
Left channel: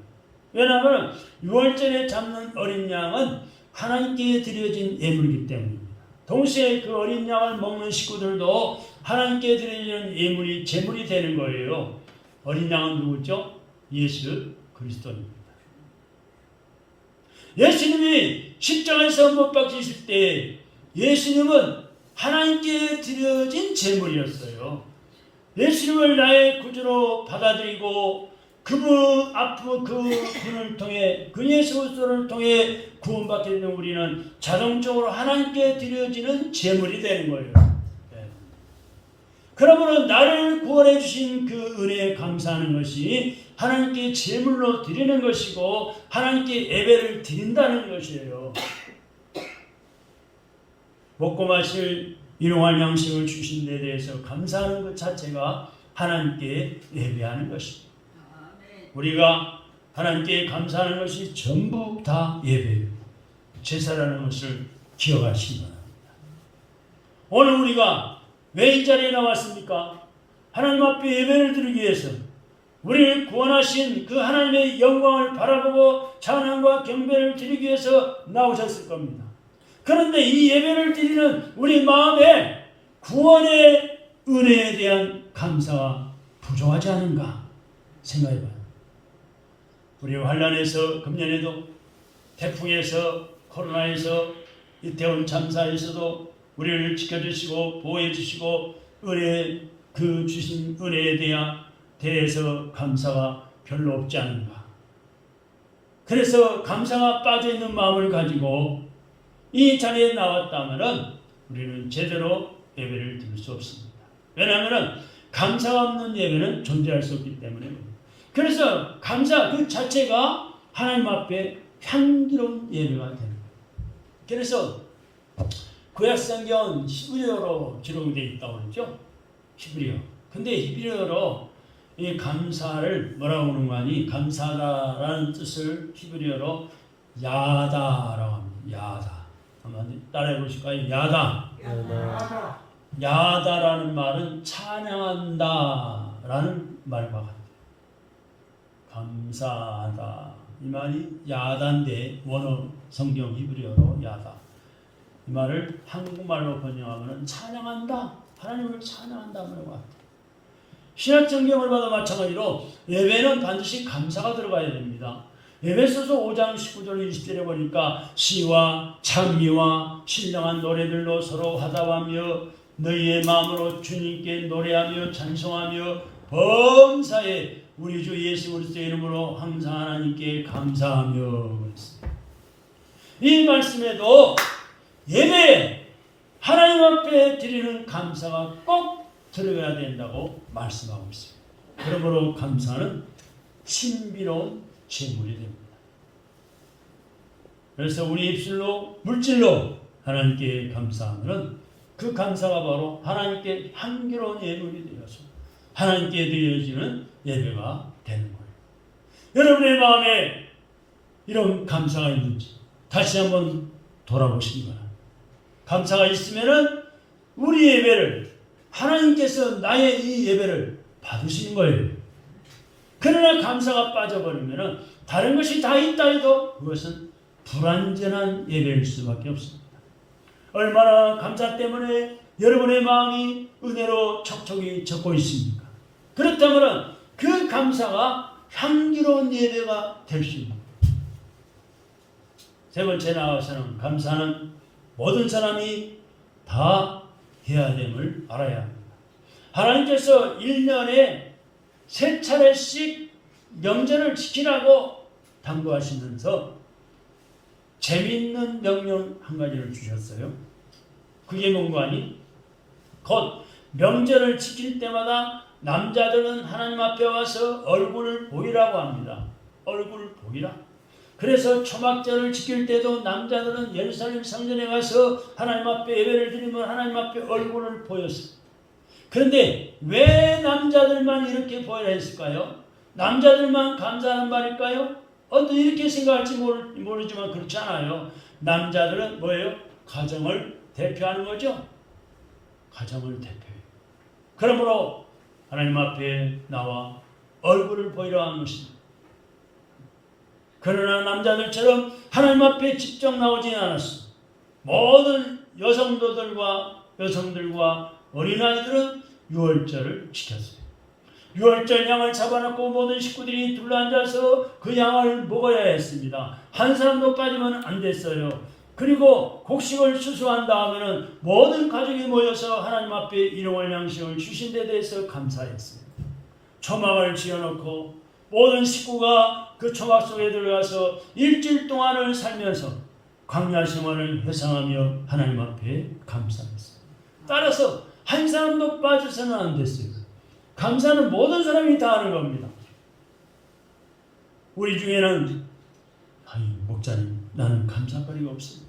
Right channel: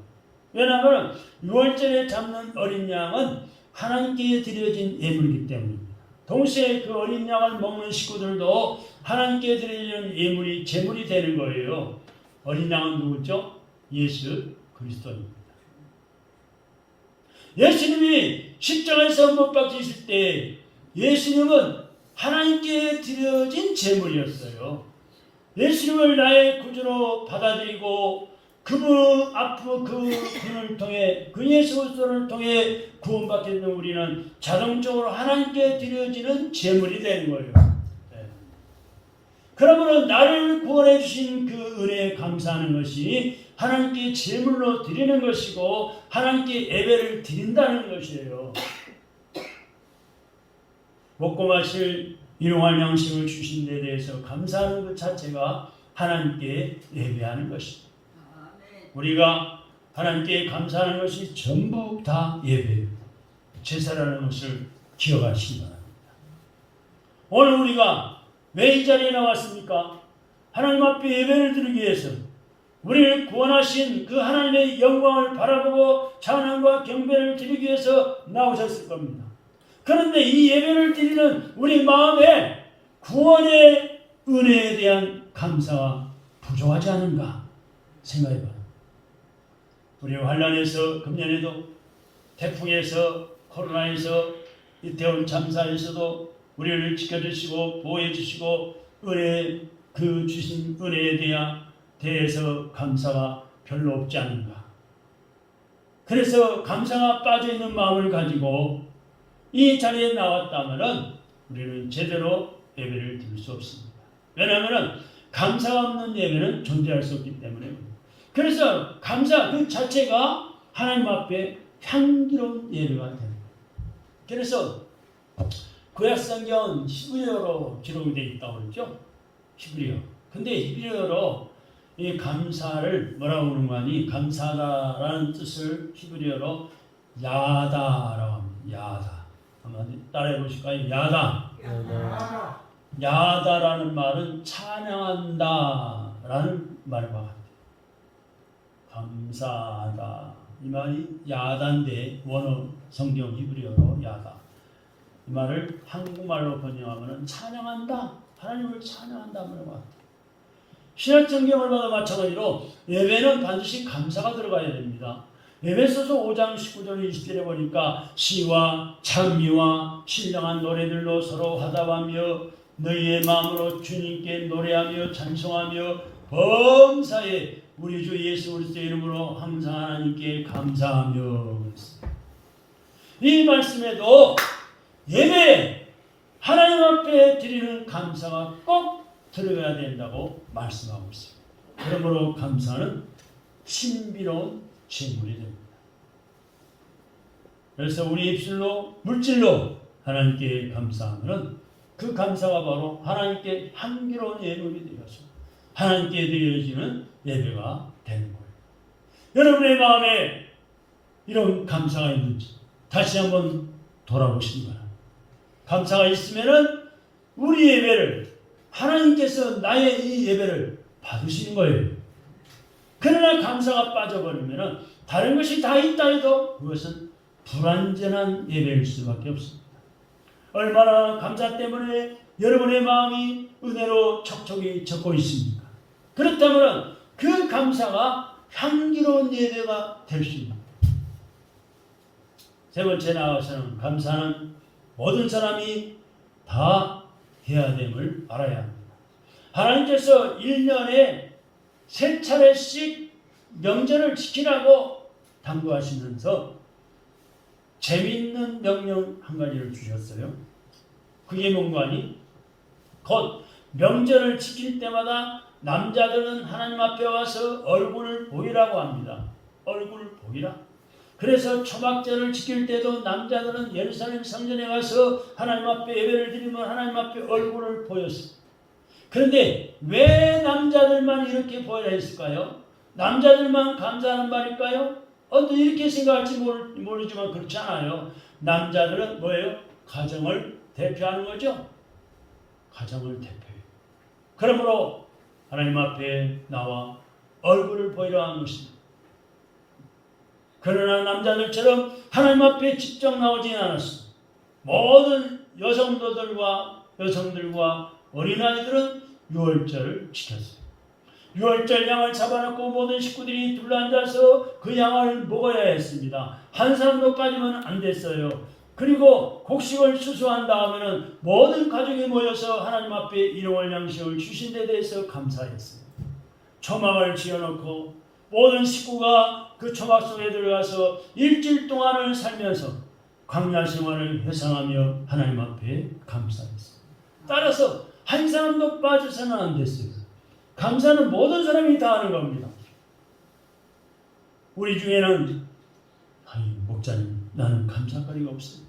왜냐하면 유월절에 잡는 어린 양은 하나님께 드려진 예물이기 때문입니다. 동시에 그 어린 양을 먹는 식구들도 하나님께 드려지는 예물이 제물이 되는 거예요. 어린 양은 누구죠? 예수 그리스도입니다. 예수님이 십자가에서 못 박히실 때 예수님은 하나님께 드려진 제물이었어요. 예수님을 나의 구주로 받아들이고 그분 앞으로 그 분을 통해, 그 예수 그리스도를 통해 구원받게 되는 우리는 자동적으로 하나님께 드려지는 제물이 되는 거예요. 네. 그러므로 나를 구원해 주신 그 은혜에 감사하는 것이 하나님께 제물로 드리는 것이고 하나님께 예배를 드린다는 것이에요. 먹고 마실 일용할 양식을 주신 데 대해서 감사하는 것 자체가 하나님께 예배하는 것입니다. 우리가 하나님께 감사하는 것이 전부 다 예배예요. 제사라는 것을 기억하시기 바랍니다. 오늘 우리가 왜 이 자리에 나왔습니까? 하나님 앞에 예배를 드리기 위해서 우리를 구원하신 그 하나님의 영광을 바라보고 찬양과 경배를 드리기 위해서 나오셨을 겁니다. 그런데 이 예배를 드리는 우리 마음에 구원의 은혜에 대한 감사가 부족하지 않은가 생각해봐요. 우리 환란에서 금년에도 태풍에서 코로나에서 이태원 참사에서도 우리를 지켜주시고 보호해주시고 은혜 그 주신 은혜에 대해서 감사가 별로 없지 않은가. 그래서 감사가 빠져있는 마음을 가지고 이 자리에 나왔다면 우리는 제대로 예배를 드릴 수 없습니다. 왜냐하면 감사가 없는 예배는 존재할 수 없기 때문입니다. 그래서 감사 그 자체가 하나님 앞에 향기로운 예배가 됩니다. 그래서 구약성경 히브리어로 기록이 되어 있다고 그러죠. 히브리어. 근데 히브리어로 이 감사를 뭐라고 하는 거니? 감사다라는 뜻을 히브리어로 야다라고 합니다. 야다. 한번 따라해 보실까요? 야다. 야다라는 말은 찬양한다라는 말과 같아요. 감사하다. 이 말이 야다인데 원어 성경 히브리어로 야다. 이 말을 한국말로 번역하면 찬양한다. 하나님을 찬양한다는 것 같아요. 신약 성경을 봐도 마찬가지로 예배는 반드시 감사가 들어가야 됩니다. 에베소서 5장 19절 20절에 보니까 시와 찬미와 신령한 노래들로 서로 화답하며 너희의 마음으로 주님께 노래하며 찬송하며 범사에 우리 주 예수 그리스도의 이름으로 항상 하나님께 감사하며. 이 말씀에도 예배 하나님 앞에 드리는 감사가 꼭 들어가야 된다고 말씀하고 있습니다. 그러므로 감사는 신비로운 제물이 됩니다. 그래서 우리 입술로 물질로 하나님께 감사하면 그 감사가 바로 하나님께 향기로운 예물이 되어서 하나님께 드려지는 예배가 되는 거예요. 여러분의 마음에 이런 감사가 있는지 다시 한번 돌아보시기 바랍니다. 감사가 있으면은 우리 예배를 하나님께서 나의 이 예배를 받으시는 거예요. 그러나 감사가 빠져버리면은 다른 것이 다 있다 해도 그것은 불완전한 예배일 수밖에 없습니다. 얼마나 감사 때문에 여러분의 마음이 은혜로 촉촉이 젖고 있습니까? 그렇다면 그 감사가 향기로운 예배가 될 수 있습니다. 세 번째 나와서는 감사는 모든 사람이 다 해야 됨을 알아야 합니다. 하나님께서 1년에 3차례씩 명절을 지키라고 당부하시면서 재미있는 명령 한 가지를 주셨어요. 그게 뭔가 하니? 곧 명절을 지킬 때마다 남자들은 하나님 앞에 와서 얼굴을 보이라고 합니다. 얼굴 보이라. 그래서 초막절을 지킬 때도 남자들은 예루살렘 성전에 가서 하나님 앞에 예배를 드리면 하나님 앞에 얼굴을 보였어요. 그런데 왜 남자들만 이렇게 보여야 했을까요? 남자들만 감사하는 말일까요? 어떤 이렇게 생각할지 모르지만 그렇지 않아요. 남자들은 뭐예요? 가정을 대표하는 거죠. 가정을 대표해요. 그러므로 하나님 앞에 나와 얼굴을 보이라 하는 것입니다. 그러나 남자들처럼 하나님 앞에 직접 나오지는 않았어. 모든 여성들과 어린아이들은 유월절을 지켰어요. 유월절 양을 잡아놓고 모든 식구들이 둘러앉아서 그 양을 먹어야 했습니다. 한 사람도 빠지면 안 됐어요. 그리고 곡식을 추수한 다음에는 모든 가족이 모여서 하나님 앞에 일용할 양식을 주신 데 대해서 감사했어요. 초막을 지어놓고 모든 식구가 그 초막 속에 들어가서 일주일 동안을 살면서 광야 생활을 회상하며 하나님 앞에 감사했어요. 따라서 한 사람도 빠져서는 안 됐어요. 감사는 모든 사람이 다 하는 겁니다. 우리 중에는 아니 목사님 나는 감사거리가 없습니다.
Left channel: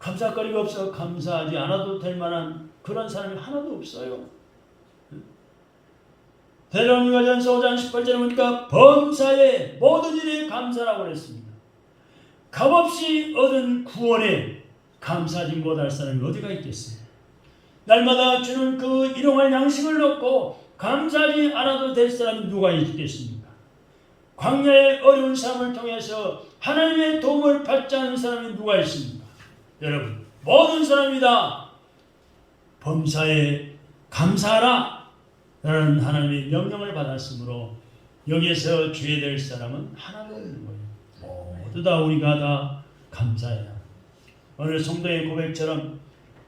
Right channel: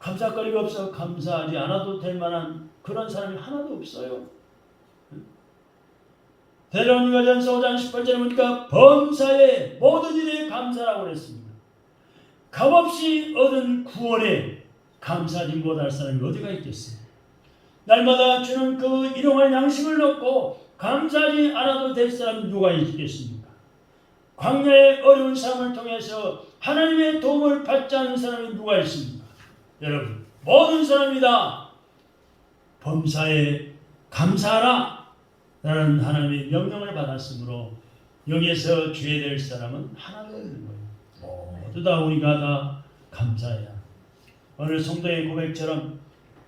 감사거리가 없어 감사하지 않아도 될 만한 그런 사람이 하나도 없어요. 데살로니가전서 5장 18절에 보니까 범사에 모든 일에 감사라고 그랬습니다. 값없이 얻은 구원에 감사하지 못할 사람이 어디가 있겠어요? 날마다 주는 그 일용할 양식을 넣고 감사하지 않아도 될 사람이 누가 있겠습니까? 광야의 어려운 삶을 통해서 하나님의 도움을 받지 않는 사람이 누가 있습니까? 여러분, 모든 사람이 다 범사에 감사하라 라는 하나님의 명령을 받았으므로 여기에서 죄될 사람은 하나도 없는 거예요. 모두 다 우리가 다 감사해야. 오늘 성도의 고백처럼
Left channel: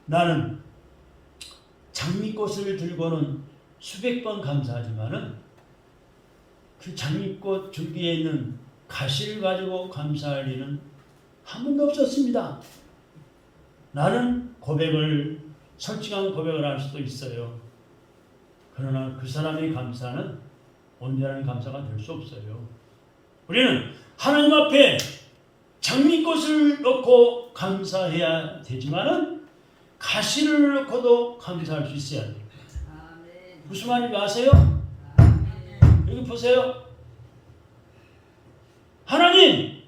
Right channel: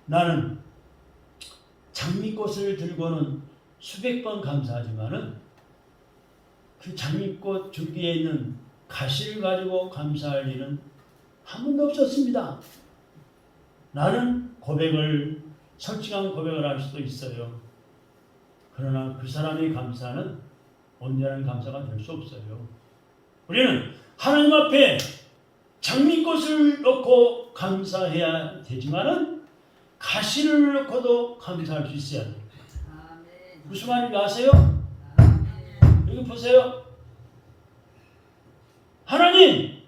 나는 장미꽃을 들고는 수백 번 감사하지만은 그 장미꽃 줄기에 있는 가시를 가지고 감사할 일은 한 번도 없었습니다. 나는 솔직한 고백을 할 수도 있어요. 그러나 그 사람의 감사는 온전한 감사가 될 수 없어요. 우리는 하나님 앞에 장미꽃을 넣고 감사해야 되지만은 가시를 넣고도 감사할 수 있어야 돼요. 무슨 말인지 아세요? 여기 보세요. 하나님,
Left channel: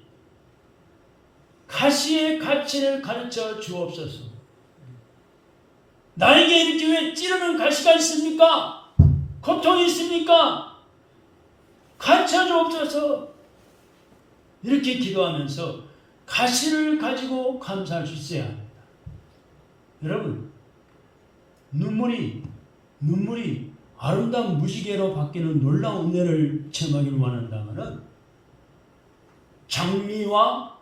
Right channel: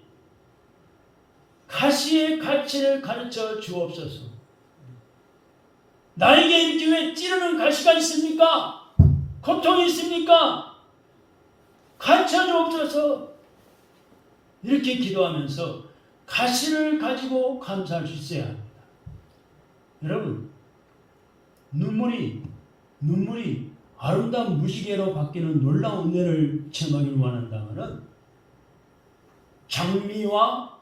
가시의 가치를 가르쳐 주옵소서. 나에게 이렇게 왜 찌르는 가시가 있습니까? 고통이 있습니까? 가르쳐 주옵소서. 이렇게 기도하면서 가시를 가지고 감사할 수 있어야 합니다. 여러분, 눈물이 아름다운 무지개로 바뀌는 놀라운 은혜를 체험하기를 원한다면 장미와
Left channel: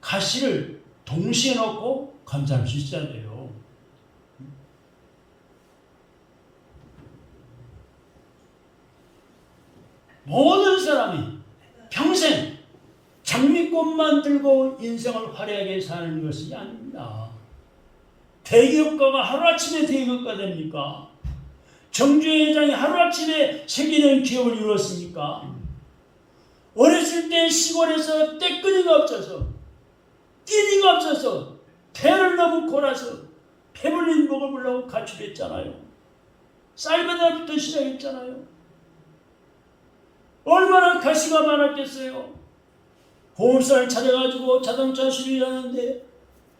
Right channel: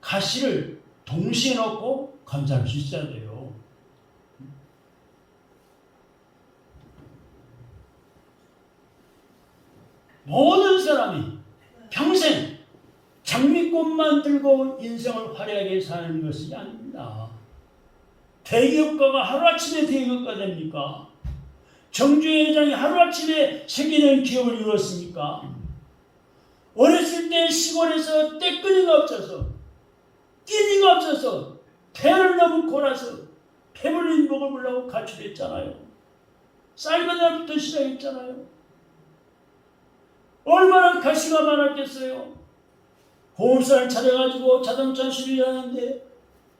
가시를 동시에 넣고 감사할 수 있어야 돼요. 모든 사람이 평생 장미꽃만 들고 인생을 화려하게 사는 것이 아닙니다. 대기업가가 하루아침에 대기업가 됩니까? 정주행 회장이 하루아침에 세계적인 기업을 이루었습니까? 어렸을 때 시골에서 떼끈이가 없어서 끼니가 없어서 배를 너무 골아서 배불린 목을 물라고 가출했잖아요. 쌀바닥부터 시작했잖아요. 얼마나 가시가 많았겠어요. 보험사를 찾아가지고 자동차 수리를 하는데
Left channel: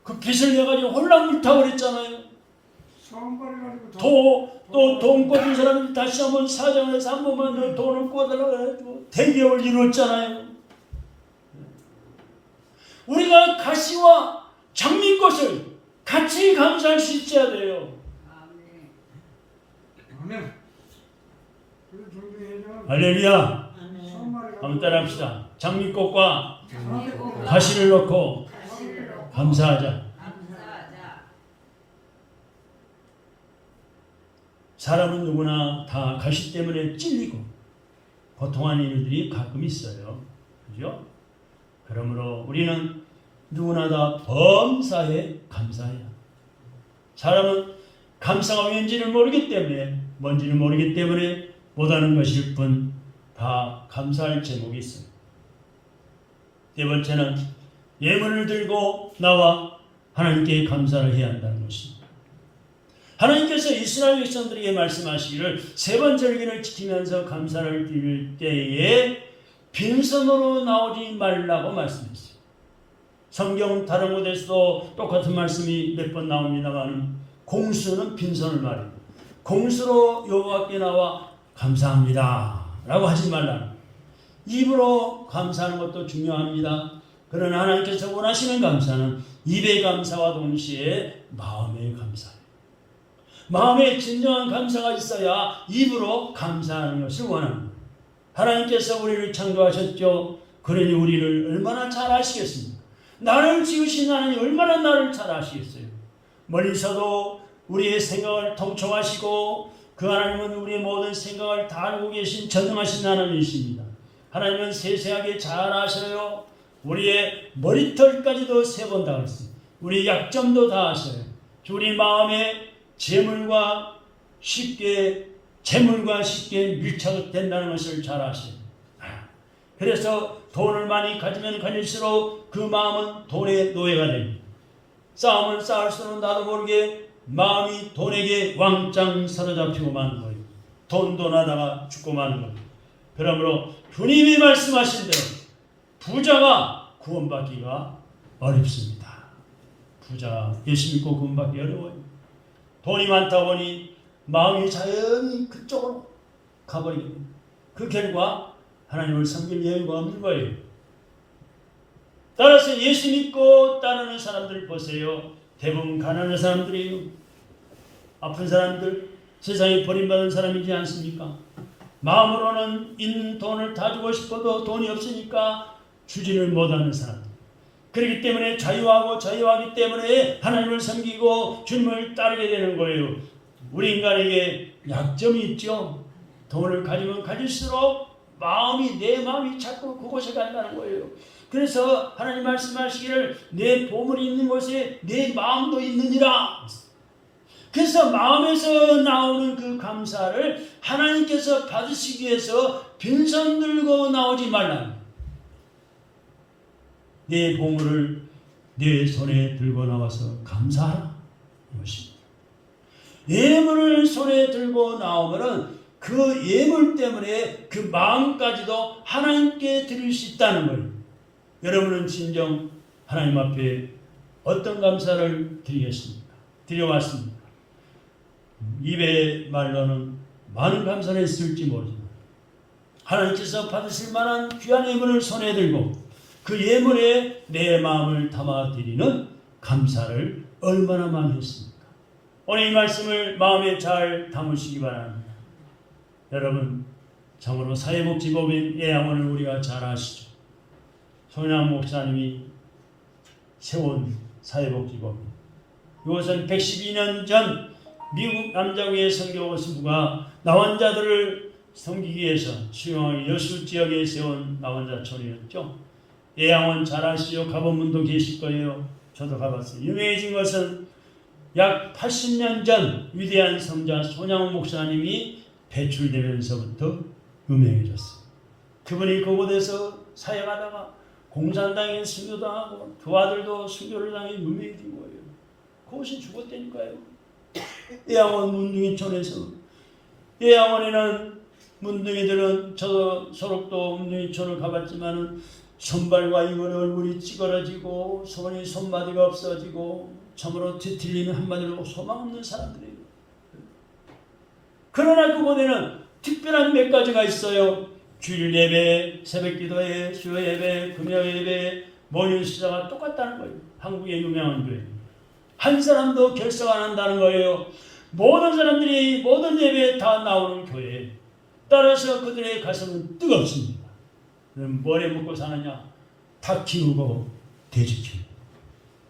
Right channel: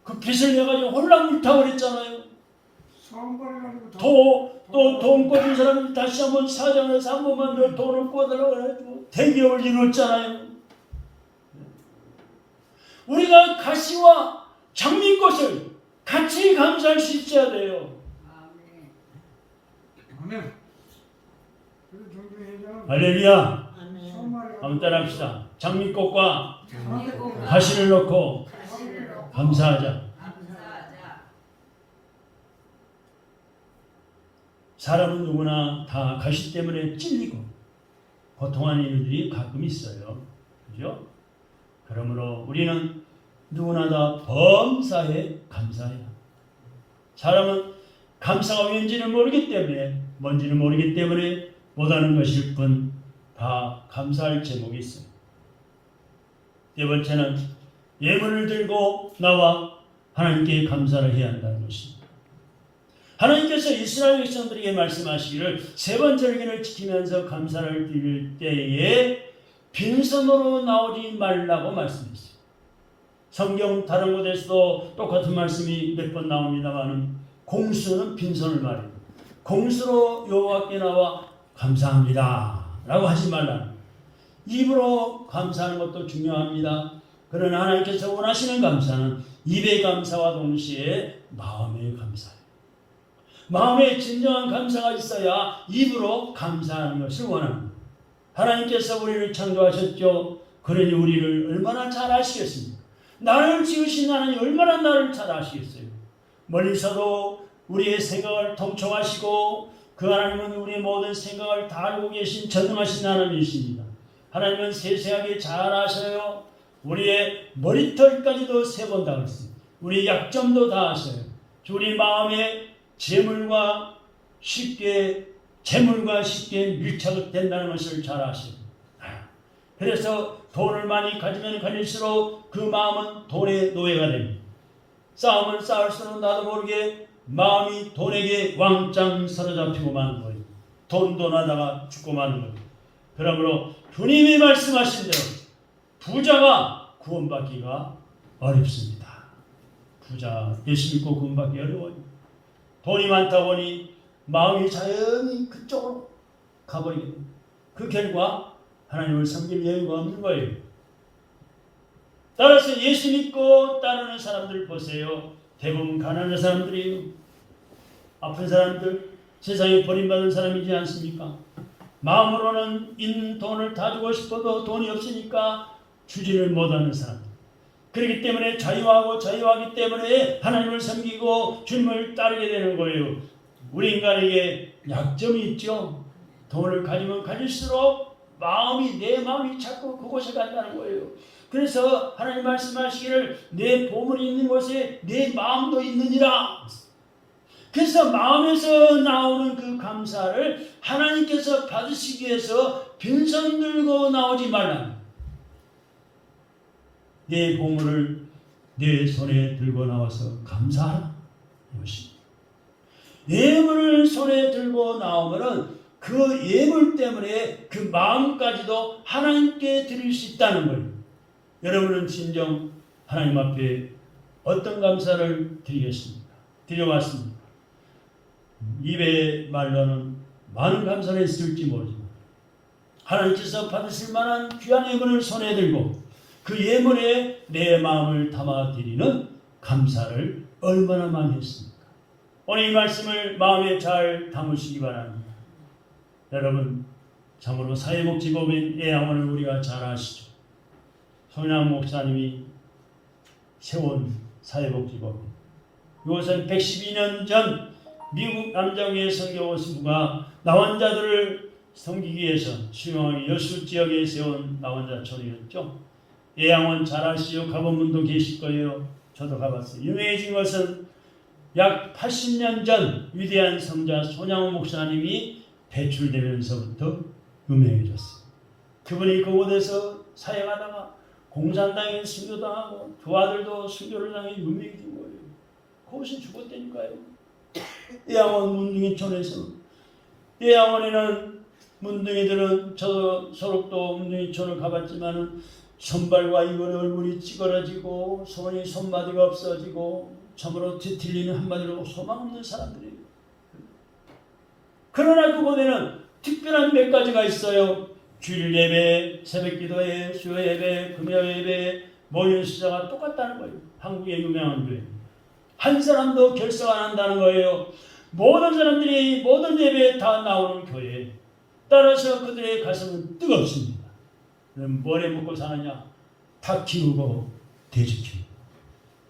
그 빚을 내가지고 홀랑 불타버렸잖아요. 또 돈 꽂은 사람이 다시 한번 사장에서 한 번만 더 돈을 꽂으라고 해가지고 대기업을 이뤘잖아요. 우리가 가시와 장미꽃을 같이 감사할 수 있어야 돼요. 아멘. 할렐루야. 한번 따라합시다. 장미꽃과 가시를 넣고 감사하자. 사람은 누구나 다 가시 때문에 찔리고 고통하는 일들이 가끔 있어요. 그죠? 그러므로 우리는 누구나 다 범사에 감사해요. 사람은 감사가 뭔지는 모르기 때문에 못하는 것일 뿐 다 감사할 제목이 있어요. 네 번째는 예물을 들고 나와 하나님께 감사를 해야 한다는 것입니다. 하나님께서 이스라엘 백성들에게 말씀하시기를 세 번째 절기를 지키면서 감사를 드릴 때에 빈손으로 나오지 말라고 말씀했어요. 성경 다른 곳에서도 똑같은 말씀이 몇 번 나옵니다만 공수는 빈손을 말합니다. 공수로 여호와께 나와 감사합니다 라고 하지 말라. 입으로 감사하는 것도 중요합니다. 그러나 하나님께서 원하시는 감사는 입의 감사와 동시에 마음의 감사예요. 마음에 진정한 감사가 있어야 입으로 감사하는 것을 원합니다. 하나님께서 우리를 창조하셨죠. 그러니 우리를 얼마나 잘 아시겠습니까? 나를 지으신 하나님 얼마나 나를 잘 아시겠어요. 멀리서도 우리의 생각을 통촉하시고 그 하나님은 우리의 모든 생각을 다 알고 계신 전능하신 하나님이십니다. 하나님은 세세하게 잘 아셔요. 우리의 머리털까지도 세번 다 아세요. 우리의 약점도 다 아셔요. 우리 마음에 재물과 쉽게 밀착된다는 것을 잘 아셔요. 그래서 돈을 많이 가지면 가질수록 그 마음은 돈의 노예가 됩니다. 싸움을 싸울수록 나도 모르게 마음이 돈에게 왕창 사로잡히고 마는 거예요. 돈하다가 죽고 마는 거예요. 그러므로 주님이 말씀하신 대로 부자가 구원받기가 어렵습니다. 부자 예수 믿고 구원받기 어려워요. 돈이 많다 보니 마음이 자연히 그쪽으로 가버리게 됩니다. 그 결과 하나님을 섬길 여유가 없는 거예요. 따라서 예수 믿고 따르는 사람들 보세요. 대부분 가난한 사람들이에요. 아픈 사람들, 세상에 버림받은 사람이지 않습니까? 마음으로는 있는 돈을 다 주고 싶어도 돈이 없으니까 주지를 못하는 사람들. 그렇기 때문에 자유하기 때문에 하나님을 섬기고 주님을 따르게 되는 거예요. 우리 인간에게 약점이 있죠. 돈을 가지면 가질수록 내 마음이 자꾸 그곳에 간다는 거예요. 그래서 하나님 말씀하시기를 내 보물이 있는 곳에 내 마음도 있느니라. 그래서 마음에서 나오는 그 감사를 하나님께서 받으시기 위해서 빈손 들고 나오지 말라. 내 보물을 내 손에 들고 나와서 감사하라. 이것입니다. 예물을 손에 들고 나오면은 그 예물 때문에 그 마음까지도 하나님께 드릴 수 있다는 거예요. 여러분은 진정 하나님 앞에 어떤 감사를 드리겠습니까? 드려왔습니다. 입의 말로는 많은 감사를 했을지 모르지만 하나님께서 받으실 만한 귀한 예물을 손에 들고 그 예물에 내 마음을 담아드리는 감사를 얼마나 많이 했습니까? 오늘 이 말씀을 마음에 잘 담으시기 바랍니다. 여러분, 참으로 사회복지법인 예양원을 우리가 잘 아시죠? 손양 목사님이 세운 사회복지법인. 이것은 112년 전 미국 남자교회 선교사부가 나환자들을 섬기기 위해서 수용을 여수 지역에 세운 나환자촌이었죠. 예양원 잘 아시죠? 가본 분도 계실 거예요. 저도 가봤어요. 유명해진 것은 약 80년 전 위대한 성자 손양원 목사님이 배출되면서부터 유명해졌어요. 그분이 그곳에서 사역하다가 공산당에 순교당하고 그 아들도 순교를 당해 유명해진 거예요. 그곳에 죽었다니까요. 예양원 문둥이촌에서. 예양원에는 문둥이들은 저 소록도 문둥이촌을 가봤지만은 손발과 입은 얼굴이 찌그러지고 손이 손마디가 없어지고 참으로 뒤틀리는 한마디로 소망 없는 사람들이에요. 그러나 그곳에는 특별한 몇 가지가 있어요. 주일 예배, 새벽 기도회, 수요 예배, 금요 예배, 모이는 시자가 똑같다는 거예요. 한국의 유명한 교회. 한 사람도 결석 안 한다는 거예요. 모든 사람들이 모든 예배에 다 나오는 교회. 따라서 그들의 가슴은 뜨겁습니다. 뭐에 묻고 사느냐? 닭 키우고 돼지 키우고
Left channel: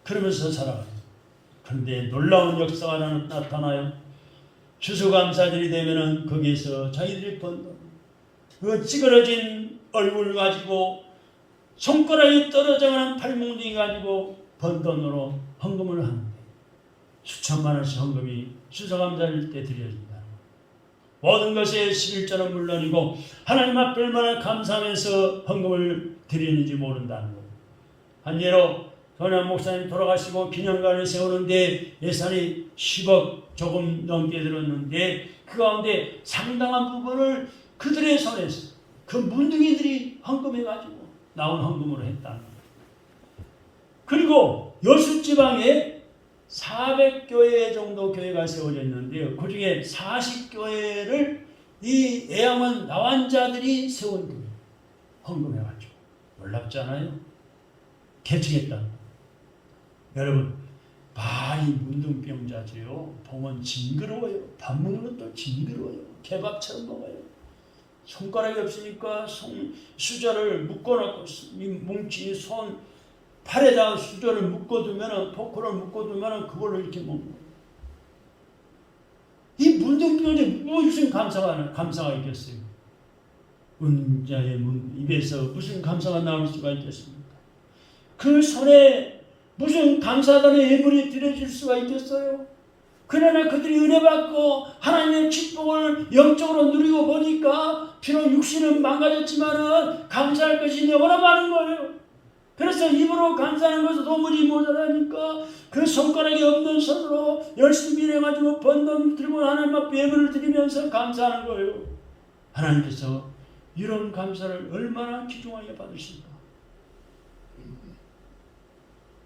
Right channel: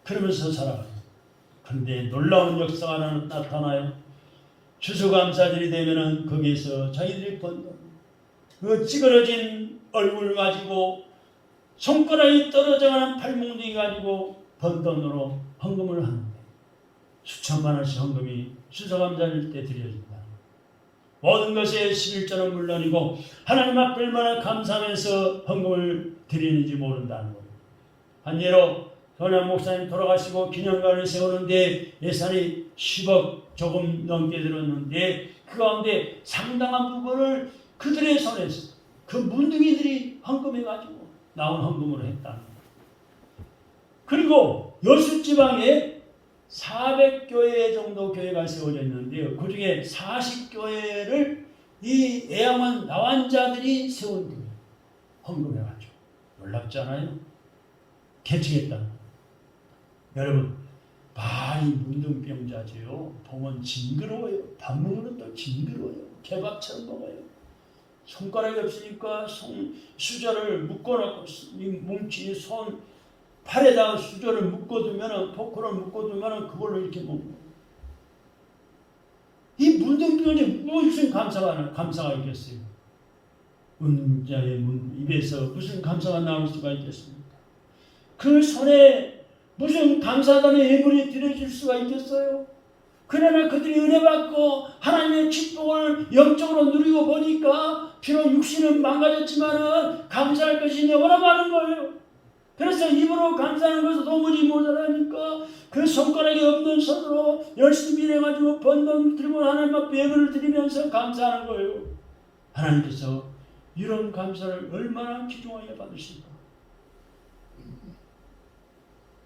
그러면서 살아가요. 그런데 놀라운 역사가 나타나요. 추수감사절이 되면은 거기에서 자기들이 번 그 찌그러진 얼굴 가지고 손가락이 떨어져가는 팔뭉둥이 가지고 번 돈으로 헌금을 하는데 수천만 원씩 헌금이 추수감사절 때 드려진다. 모든 것에 11조는 물론이고 하나님 앞에 얼마나 감사하면서 헌금을 드리는지 모른다는 거예요. 한 예로 손양 목사님 돌아가시고 기념관을 세우는데 예산이 10억 조금 넘게 들었는데 그 가운데 상당한 부분을 그들의 손에서 그 문둥이들이 헌금해가지고 나온 헌금으로 했다. 그리고 여수지방에 400교회 정도 교회가 세워졌는데요. 그 중에 40교회를 이 예양원 나환자들이 세운 거예요. 헌금해가지고. 놀랍잖아요. 개척했다. 여러분, 많이 문둥병자지요. 보면 징그러워요. 밥 먹는 것도 징그러워요. 개밥처럼 먹어요. 손가락이 없으니까 수저를 묶어놓고 뭉치 손 팔에다가 수저를 묶어두면은 포크를 묶어두면은 그걸로 이렇게 먹는 거예요. 이 문둥병자에 무슨 감사가 있겠어요? 은자의 입에서 무슨 감사가 나올 수가 있겠습니까? 그 손에 무슨 감사단의 예물이 드려질 수가 있겠어요? 그러나 그들이 은혜 받고 하나님의 축복을 영적으로 누리고 보니까 비록 육신은 망가졌지만은 감사할 것이 영원히 많은 거예요. 그래서 입으로 감사하는 것을 도무지 못하니까 그 손가락이 없는 손으로 열심히 일해가지고 번 돈 들고 하나님 앞에 예물을 드리면서 감사하는 거예요. 하나님께서 이런 감사를 얼마나 귀중하게 받으실까.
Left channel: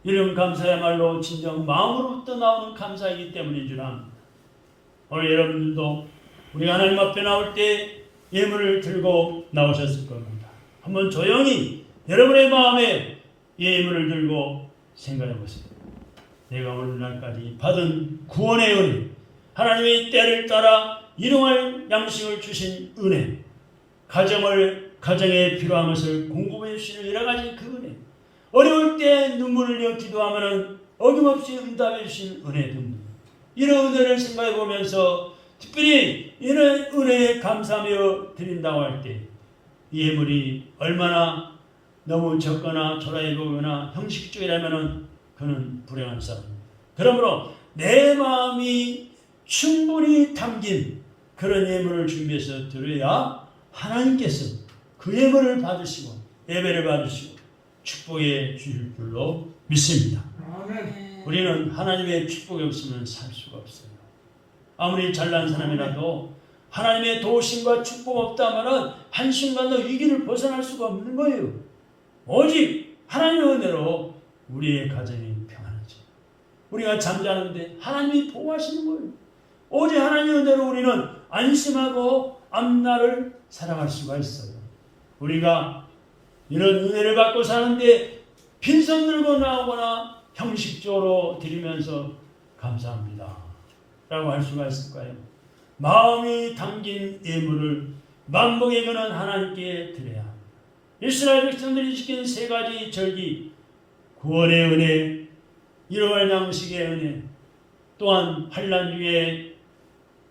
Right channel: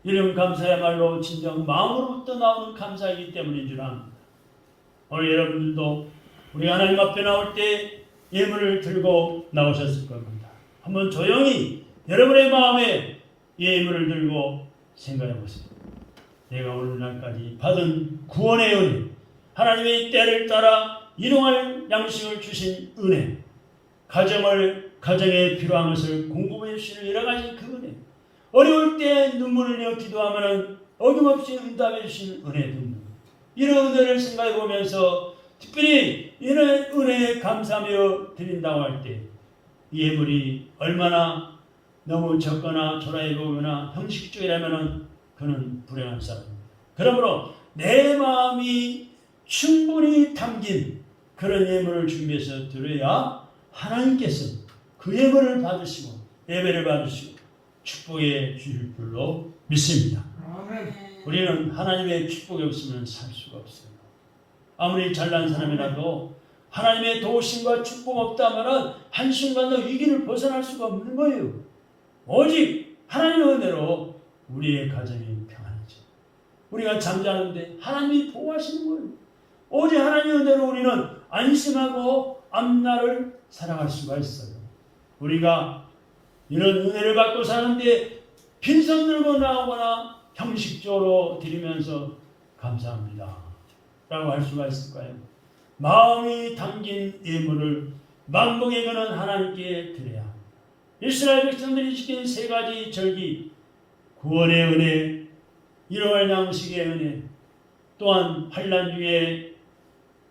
이런 감사야말로 진정 마음으로부터 나오는 감사이기 때문인 줄 압니다. 오늘 여러분들도 우리 하나님 앞에 나올 때 예물을 들고 나오셨을 겁니다. 한번 조용히 여러분의 마음에 예물을 들고 생각해 보세요. 내가 오늘날까지 받은 구원의 은혜, 하나님의 때를 따라 일용할 양식을 주신 은혜, 가정에 필요한 것을 공급해 주시는 여러 가지 그 은혜, 어려울 때 눈물을 흘려 기도하면 어김없이 응답해 주신 은혜 등등, 이런 은혜를 생각해 보면서 특별히 이런 은혜에 감사하며 드린다고 할 때 예물이 얼마나 너무 적거나 초라해 보거나 형식적이라면 그는 불행한 사람입니다. 그러므로 내 마음이 충분히 담긴 그런 예물을 준비해서 드려야 하나님께서 그 예물을 받으시고 예배를 받으시고 축복해 주실 줄로 믿습니다. 아멘. 우리는 하나님의 축복이 없으면 살 수가 없어요. 아무리 잘난 사람이라도 하나님의 도우심과 축복 없다면 한순간도 이 길을 벗어날 수가 없는 거예요. 오직 하나님의 은혜로 우리의 가정이 평안하죠. 우리가 잠자는데 하나님이 보호하시는 거예요. 오직 하나님의 은혜로 우리는 안심하고 앞날을 살아갈 수가 있어요. 우리가 이런 은혜를 받고 사는데 빈손 들고 나오거나 형식적으로 드리면서 감사합니다 라고 할 수가 있을까요? 마음이 담긴 예물을 만복의 근은 하나님께 드려야 합니다. 이스라엘 백성들이 지킨 세 가지 절기, 구원의 은혜, 일용할 양식의 은혜, 또한 환난 중에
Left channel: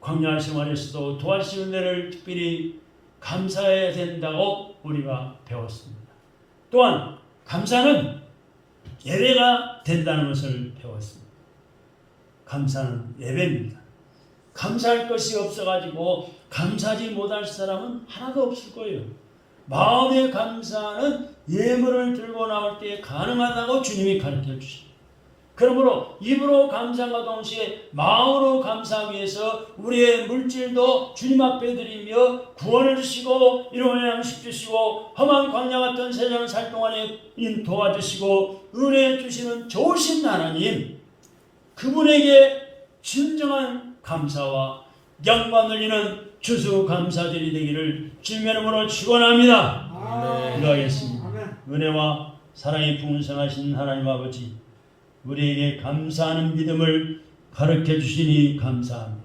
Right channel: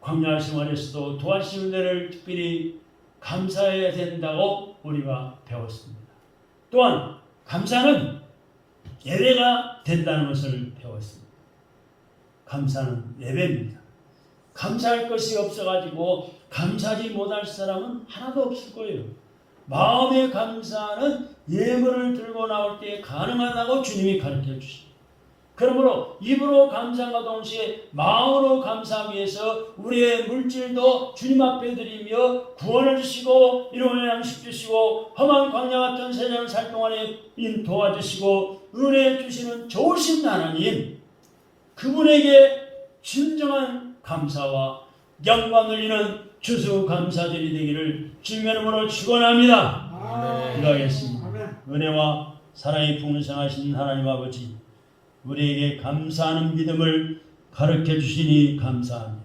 광야 생활에서도 도와주신 은혜를 특별히 감사해야 된다고 우리가 배웠습니다. 또한 감사는 예배가 된다는 것을 배웠습니다. 감사는 예배입니다. 감사할 것이 없어가지고 감사하지 못할 사람은 하나도 없을 거예요. 마음의 감사는 예물을 들고 나올 때 가능하다고 주님이 가르쳐 주십니다. 그러므로 입으로 감사함과 동시에 마음으로 감사하기 위해서 우리의 물질도 주님 앞에 드리며 구원을 주시고 일용할 양식 주시고 험한 광야 같은 세상을 살 동안에 도와주시고 은혜 주시는 좋으신 하나님, 그분에게 진정한 감사와 영광 돌리는 추수감사절이 되기를 주님의 이름으로 축원합니다. 기도하겠습니다. 은혜와 사랑이 풍성하신 하나님 아버지, 우리에게 감사하는 믿음을 가르쳐 주시니 감사합니다.